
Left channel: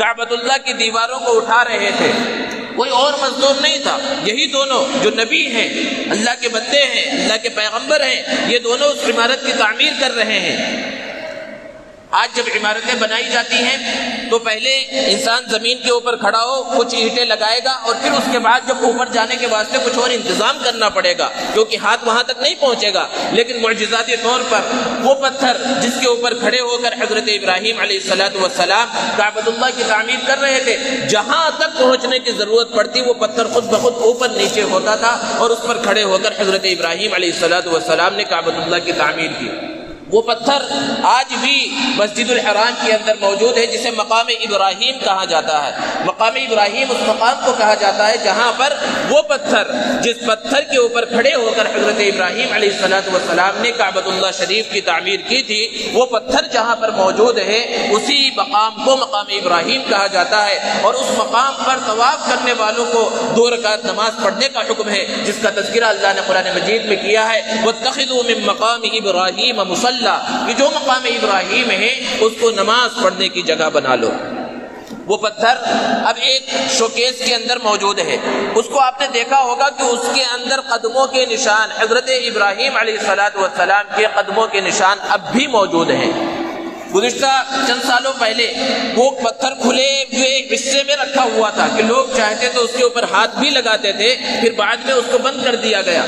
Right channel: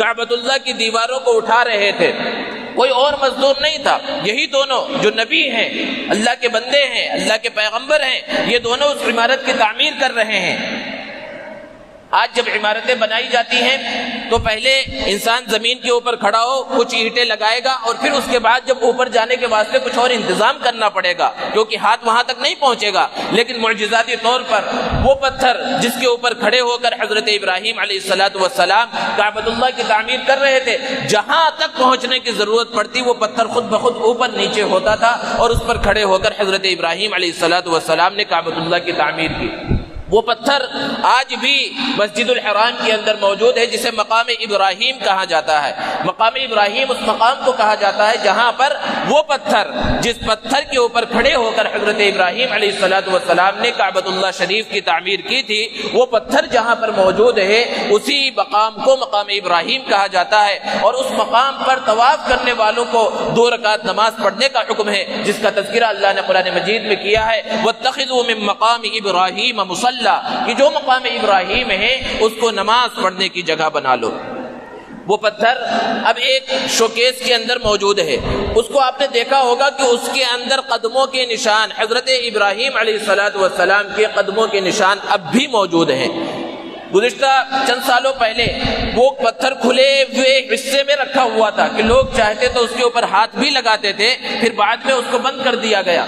کعبۃ اللہ کی دیواروں کو اٹھا رہے تھے، کوئی اور مزدور نہیں تھا، یہی دونوں جو نبی ہیں، اللہ کے بندے ہیں، اللہ کے پیغمبر ہیں، یہ دونوں اس عمارت کی تعمیر کر رہے ہیں۔ آج جب عمارتیں بنائی جاتی ہیں تو پہلے انسان زمین کے اوپر کھڑا ہو، کچھ اینٹیں لگائے گا، اور پھر اس کے بعد جب اوپر جانے کے واسطے کچھ اور انتظام کرنا پڑے گا، کیونکہ ہاتھ وہاں تک نہیں پہنچے گا۔ لیکن معجزاتی طور پر وہ پتھر جس کے اوپر کھڑے ہو کر حضرت ابراہیم علیہ السلام کعبۃ اللہ کی تعمیر کر رہے تھے، جہاں تک پہنچنے کی ضرورت پڑتی وہ پتھر خود بخود اوپر نیچے ہوتا تھا، اور اس پر کھڑے ہو کر حضرت ابراہیم علیہ السلام نے کعبۃ اللہ کی تعمیر کی۔ وہ پتھر آج بھی مسجد الحرام کے اندر موجود ہے، جسے مقام ابراہیم کہا جاتا ہے۔ مقام ابراہیم اس مقام کو کہا جاتا ہے جہاں پر وہ پتھر، جس پتھر کے اوپر کھڑے ہو کر حضرت ابراہیم علیہ السلام نے کعبۃ اللہ شریف کی تعمیر کی تھی، وہ پتھر جہاں پر موجود ہے اسی مقام کو مقام ابراہیم کہا جاتا ہے۔ اور اس مقام پر طواف کرنے والوں کو 2 رکعت نماز پڑھنے کا حکم ہے، جس کا تذکرہ اللہ نے قرآن مجید میں کیا ہے، وَاتَّخِذُوا مِن مَّقَامِ إِبْرَاهِيمَ مُصَلًّى، کہ جو مقام ابراہیم ہے اس کو نماز پڑھنے کی جگہ بنا لو۔ وہ پتھر اب ایک شوکیس کے اندر موجود ہے، اس کو آپ نے دیکھا ہوگا کہ اس کے اندر قدموں کے نشان، حضرت ابراہیم علیہ السلام کے قدموں کے نشان اب بھی موجود ہیں۔ گزشتہ چند سالوں پہلے وہ پتھر کھلے ہوئے حصے میں رکھا ہوا تھا کہ لوگ چاہتے تو اس کے اوپر ہاتھ بھی لگاتے تھے، پھر بعد میں اس کو بند کر دیا گیا۔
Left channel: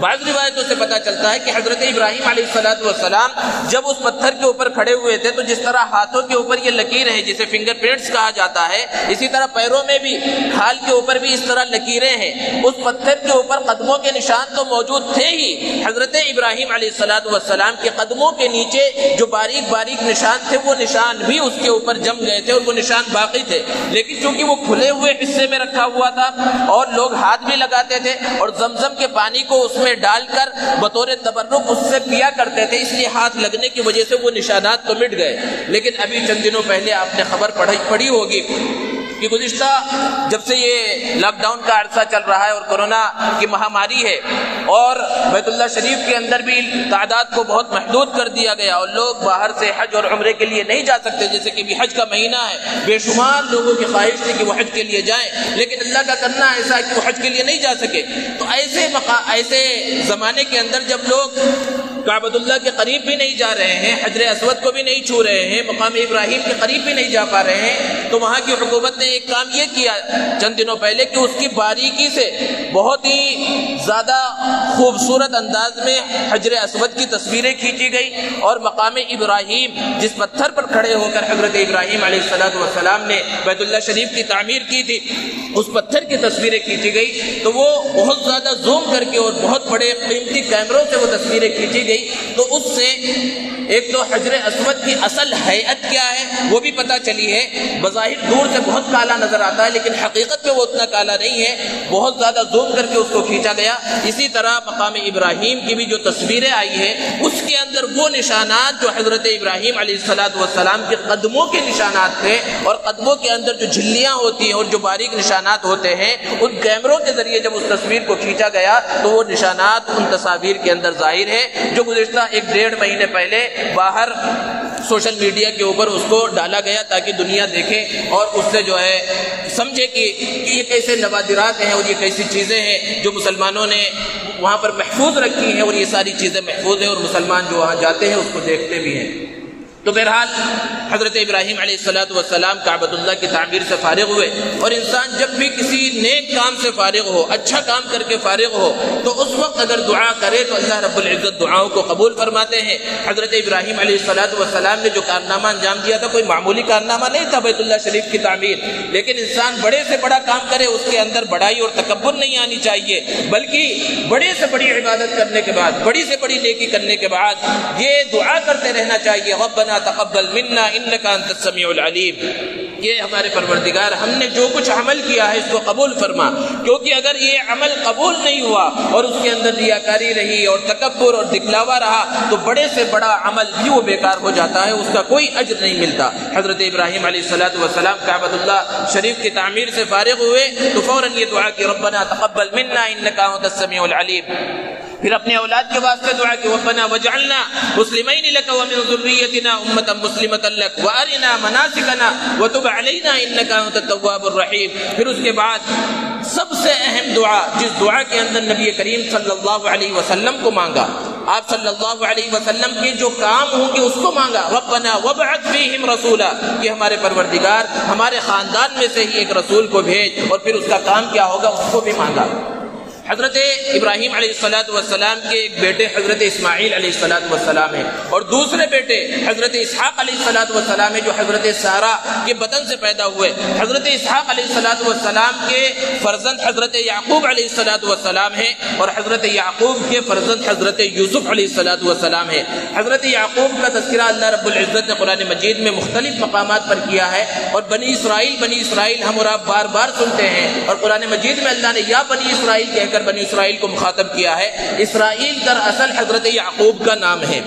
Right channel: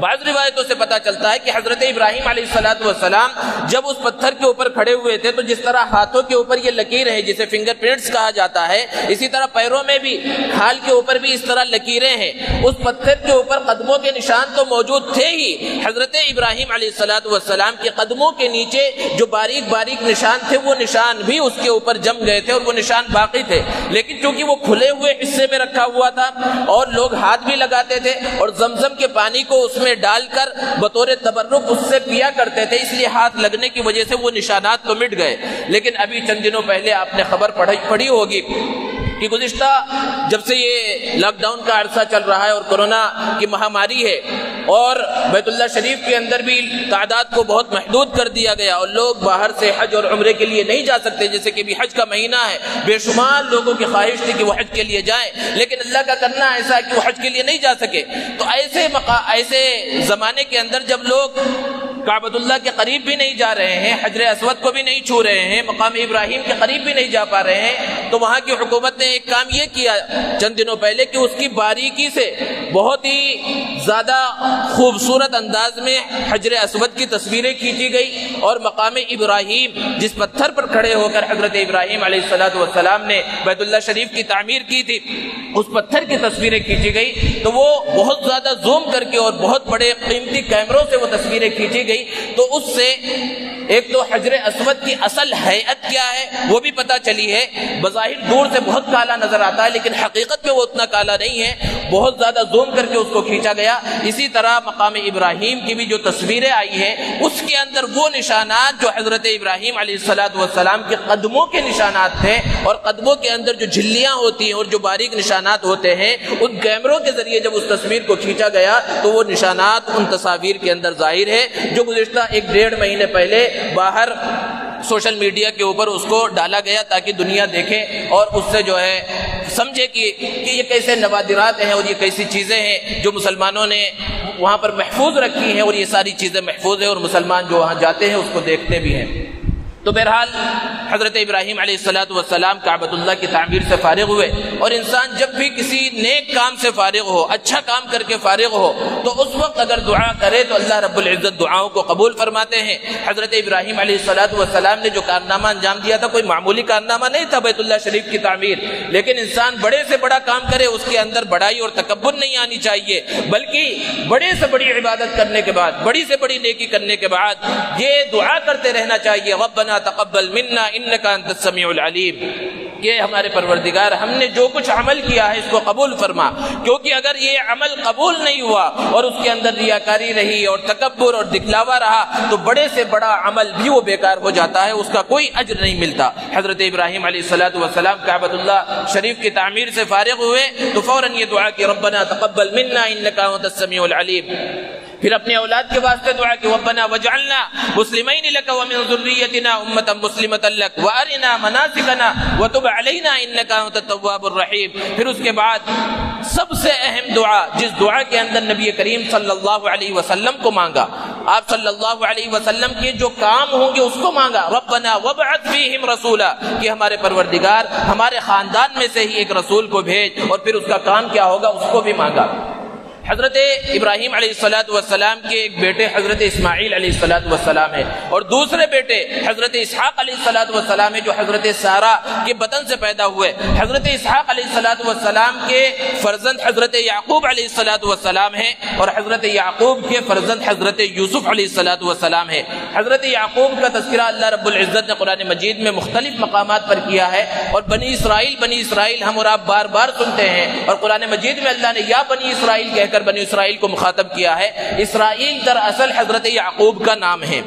بعض روایتوں سے پتہ چلتا ہے کہ حضرت ابراہیم علیہ السلام جب اس پتھر کے اوپر کھڑے ہوئے تھے تو جس طرح ہاتھوں کے اوپر یہ لکیر ہے جسے فنگر پرنٹس کہا جاتا ہے، اسی طرح پیروں میں بھی، کھال کے اوپر بھی اس طرح لکیریں ہیں۔ اس پتھر کے اوپر قدموں کے نشان تو موجود تھے ہی، حضرت ابراہیم علیہ السلام کے قدموں کے نیچے جو باریک باریک نشان تھے وہ نشان بھی اس کے اوپر جم گئے تھے، اور وہ نشان باقی تھے۔ لیکن چونکہ وہ کھلے ہوئے حصے میں رکھا ہوا تھا اور لوگ ہاتھ بھی لگاتے تھے اور زمزم کے پانی کو اس میں ڈال کر بطور تبرک اس سے پیا کرتے تھے، اس لیے ہاتھ لگنے کی وجہ سے وہ نشانات تو مٹ گئے۔ لیکن ابھی چند دنوں پہلے آپ نے خبر پڑھی ہوگی کہ گزشتہ جب سے یہ لاک ڈاؤن کا عرصہ چل رہا ہے اور کورونا کی مہاماری ہے، اور بیت اللہ شریف کے اندر بھی تعداد کو بہت محدود کر دیا گیا، اور لوگ باہر سے حج اور عمرے کے لیے نہیں جا سکتے، جیسے کہ بھی حج کا مہینہ ہے، بے شمار لوگوں کی خواہش تھی کہ وہ حج کے لیے جائیں، لیکن اللہ کا کرنا ایسا ہے کہ وہ حج کے لیے نہیں جا سکے۔ تو ایسے زمانے کے اندر جب لوگ کعبۃ اللہ کے قریب بھی نہیں جا رہے ہیں، حجر اسود کو بھی نہیں چھو رہے ہیں، مقام ابراہیم کے قریب بھی نہیں جا پا رہے ہیں، تو وہاں کی حکومت نے ایک کام یہ کیا چند دنوں پہلے کہ اس کی باریکی سے بہت ہی زیادہ خوبصورت انداز میں حجر اسود کی تصویریں کھینچی گئی، اور مقام ابراہیم جس پتھر پر کھڑے ہو کر حضرت ابراہیم علیہ السلام نے بیت اللہ شریف کی تعمیر کی تھی، اس پتھر کی تصویریں کھینچی گئی، تو وہ بہت زیادہ زوم کر کے اور بہت بڑے قیمتی کیمروں سے وہ تصویریں کھینچی گئی، تو اس سے ایک تو حجر اسود کی اصل ہیئت کیا ہے وہ بھی پتہ چلی ہے۔ بظاہر دور سے بہت کالا نظر آتا ہے، لیکن حقیقت میں وہ اتنا کالا نہیں ہے، بہت زیادہ زوم کر کے اس کو کھینچا گیا۔ اسی طرح مقام ابراہیم کی بھی جو تصویریں آئی ہیں اس کے اندر وہ نشانات جو حضرت ابراہیم علیہ السلام کے قدموں کے نشانات تھے، اور قدموں کے اندر جو جھلیاں ہوتی ہیں اور جو باریک نشانات ہوتے ہیں، ان کیمروں کے ذریعے جب اس تصویر کو کھینچا گیا تو وہ نشانات ان تصاویر کے اندر ظاہر ہے، جو گزشتہ 1-1.5 مہینے پہلے باہر سوشل میڈیا کے اوپر اس کو ڈالا گیا تاکہ دنیا دیکھے اور اس سے جو ہے سمجھے کہ یہ کیسے نوادرات ہیں اور یہ کیسی چیزیں ہیں جو مسلمانوں نے وہاں پر محفوظ رکھی ہیں، اور یہ ساری چیزیں محفوظ ہیں اور مسلمان جو وہاں جاتے ہیں اس کو دیکھتے بھی ہیں۔ تو بہرحال حضرت ابراہیم علیہ السلام کعبۃ اللہ کی تعمیر سے فارغ ہوئے، اور انسان جب بھی کسی نیک کام سے فارغ ہو، اچھا کام کر کے فارغ ہو، تو اس وقت اگر دعا کرے تو اللہ رب العزت دعاؤں کو قبول فرماتے ہیں۔ حضرت ابراہیم علیہ السلام نے جو کارنامہ انجام دیا تھا کوئی معمولی کارنامہ نہیں تھا، بیت اللہ شریف کی تعمیر، لیکن انسان بڑے سے بڑا کام کرے اس کے اندر بڑائی اور تکبر نہیں آنی چاہیے، بلکہ بڑے سے بڑی عبادت کرنے کے بعد، بڑی سے بڑی نیکی کرنے کے بعد یہ دعا کرتے رہنا چاہیے، ربنا تقبل منا انک انت السمیع العلیم، یہ ہمارے پروردگار ہم نے جو کچھ عمل کیا ہے اس کو قبول فرما، کیونکہ اگر یہ عمل قبول نہیں ہوا اور اس کے اندر ریاکاری رہی اور تکبر اور دکھلاوا رہا تو بڑے سے بڑا عمل بھی وہ بیکار ہو جاتا ہے، اس کا کوئی اجر نہیں ملتا۔ حضرت ابراہیم علیہ السلام کعبۃ اللہ شریف کی تعمیر سے فارغ ہوئے تو فوراً یہ دعا کی، ربنا تقبل منا انک انت السمیع العلیم۔ پھر اپنے اولاد کے واسطے دعا کی، ربنا وجعلنا مسلمین لک ومن ذریتنا امۃ مسلمۃ لک وارنا مناسکنا وتب علینا انک انت التواب الرحیم۔ پھر اس کے بعد سب سے اہم دعا، جس دعا کے اندر نبی کریم صلی اللہ علیہ وسلم کو مانگا، آپ صلی اللہ علیہ وسلم کے جو کام ہوں گے اس کو مانگا، ربنا وابعث فیہم رسولا، کہ ہمارے پروردگار ہمارے خاندان میں سے ہی ایک رسول کو بھیج، اور پھر اس کا کام کیا ہوگا اس کو بھی مانگا۔ حضرت ابراہیم علیہ السلام کے ایک بیٹے حضرت اسماعیل علیہ السلام ہے، اور دوسرے بیٹے حضرت اسحاق علیہ السلام ہے جو حضرت سارہ کے بطن سے پیدا ہوئے۔ حضرت اسحاق علیہ السلام کے فرزند حضرت یعقوب علیہ السلام ہے، اور حضرت یعقوب کے فرزند حضرت یوسف علیہ السلام ہے۔ حضرت یعقوب کا تذکرہ اللہ رب العزت نے قرآن مجید میں مختلف مقامات پر کیا ہے، اور بنی اسرائیل ہم اور آپ بار بار سنتے ہیں، اور قرآن مجید میں اللہ نے یا بنی اسرائیل کہہ کر بنی اسرائیل کو مخاطب کیا ہے۔ اسرائیل دراصل حضرت یعقوب کا نام ہے،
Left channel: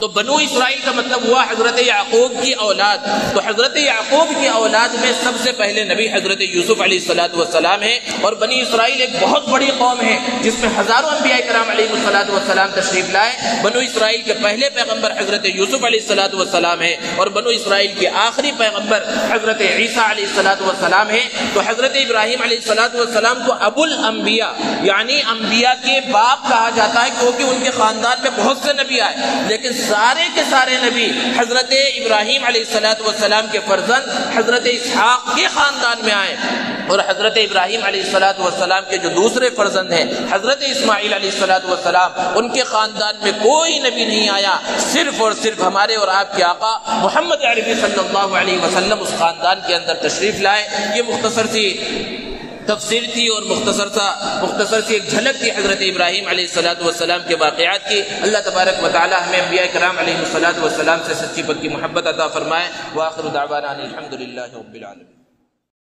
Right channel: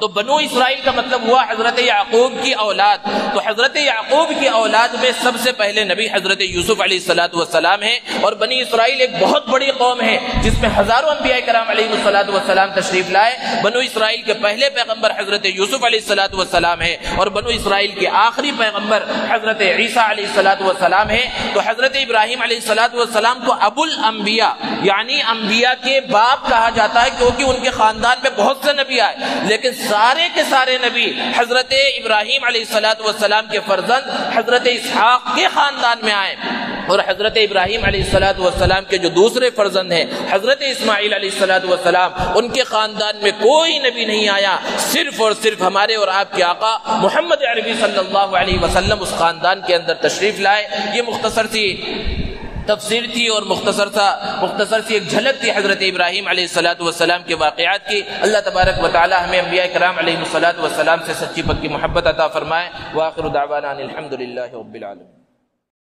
تو بنو اسرائیل کا مطلب ہوا حضرت یعقوب کی اولاد، تو حضرت یعقوب کی اولاد میں سب سے پہلے نبی حضرت یوسف علیہ السلام ہے، اور بنی اسرائیل ایک بہت بڑی قوم ہے جس میں ہزاروں انبیاء کرام علیہ السلام تشریف لائے۔ بنو اسرائیل کے پہلے پیغمبر حضرت یوسف علیہ السلام ہے، اور بنو اسرائیل کے آخری پیغمبر حضرت عیسیٰ علیہ السلام ہے۔ تو حضرت ابراہیم علیہ السلام کو ابو الانبیاء یعنی انبیاء کے باپ کہا جاتا ہے، کیونکہ ان کے خاندان میں بہت سے نبی آئے، لیکن سارے کے سارے نبی حضرت ابراہیم علیہ السلام کے فرزند حضرت اسحاق کے خاندان میں آئے، اور حضرت ابراہیم علیہ السلام کے جو دوسرے فرزند ہیں حضرت اسماعیل علیہ السلام، ان کے خاندان میں کوئی نبی نہیں آیا، صرف اور صرف ہمارے اور آپ کے آقا محمد عربی صلی اللہ علیہ وسلم اس خاندان کے اندر تشریف لائے۔ یہ مختصر سی تفسیر تھی اور مختصر سی ایک جھلک تھی حضرت ابراہیم علیہ السلام کے واقعات کی۔ اللہ تبارک و تعالی ہمیں انبیاء کرام علیہ السلام سے سچی پکی محبت عطا فرمائے۔ وآخر دعوانا الحمدللہ رب العالمین۔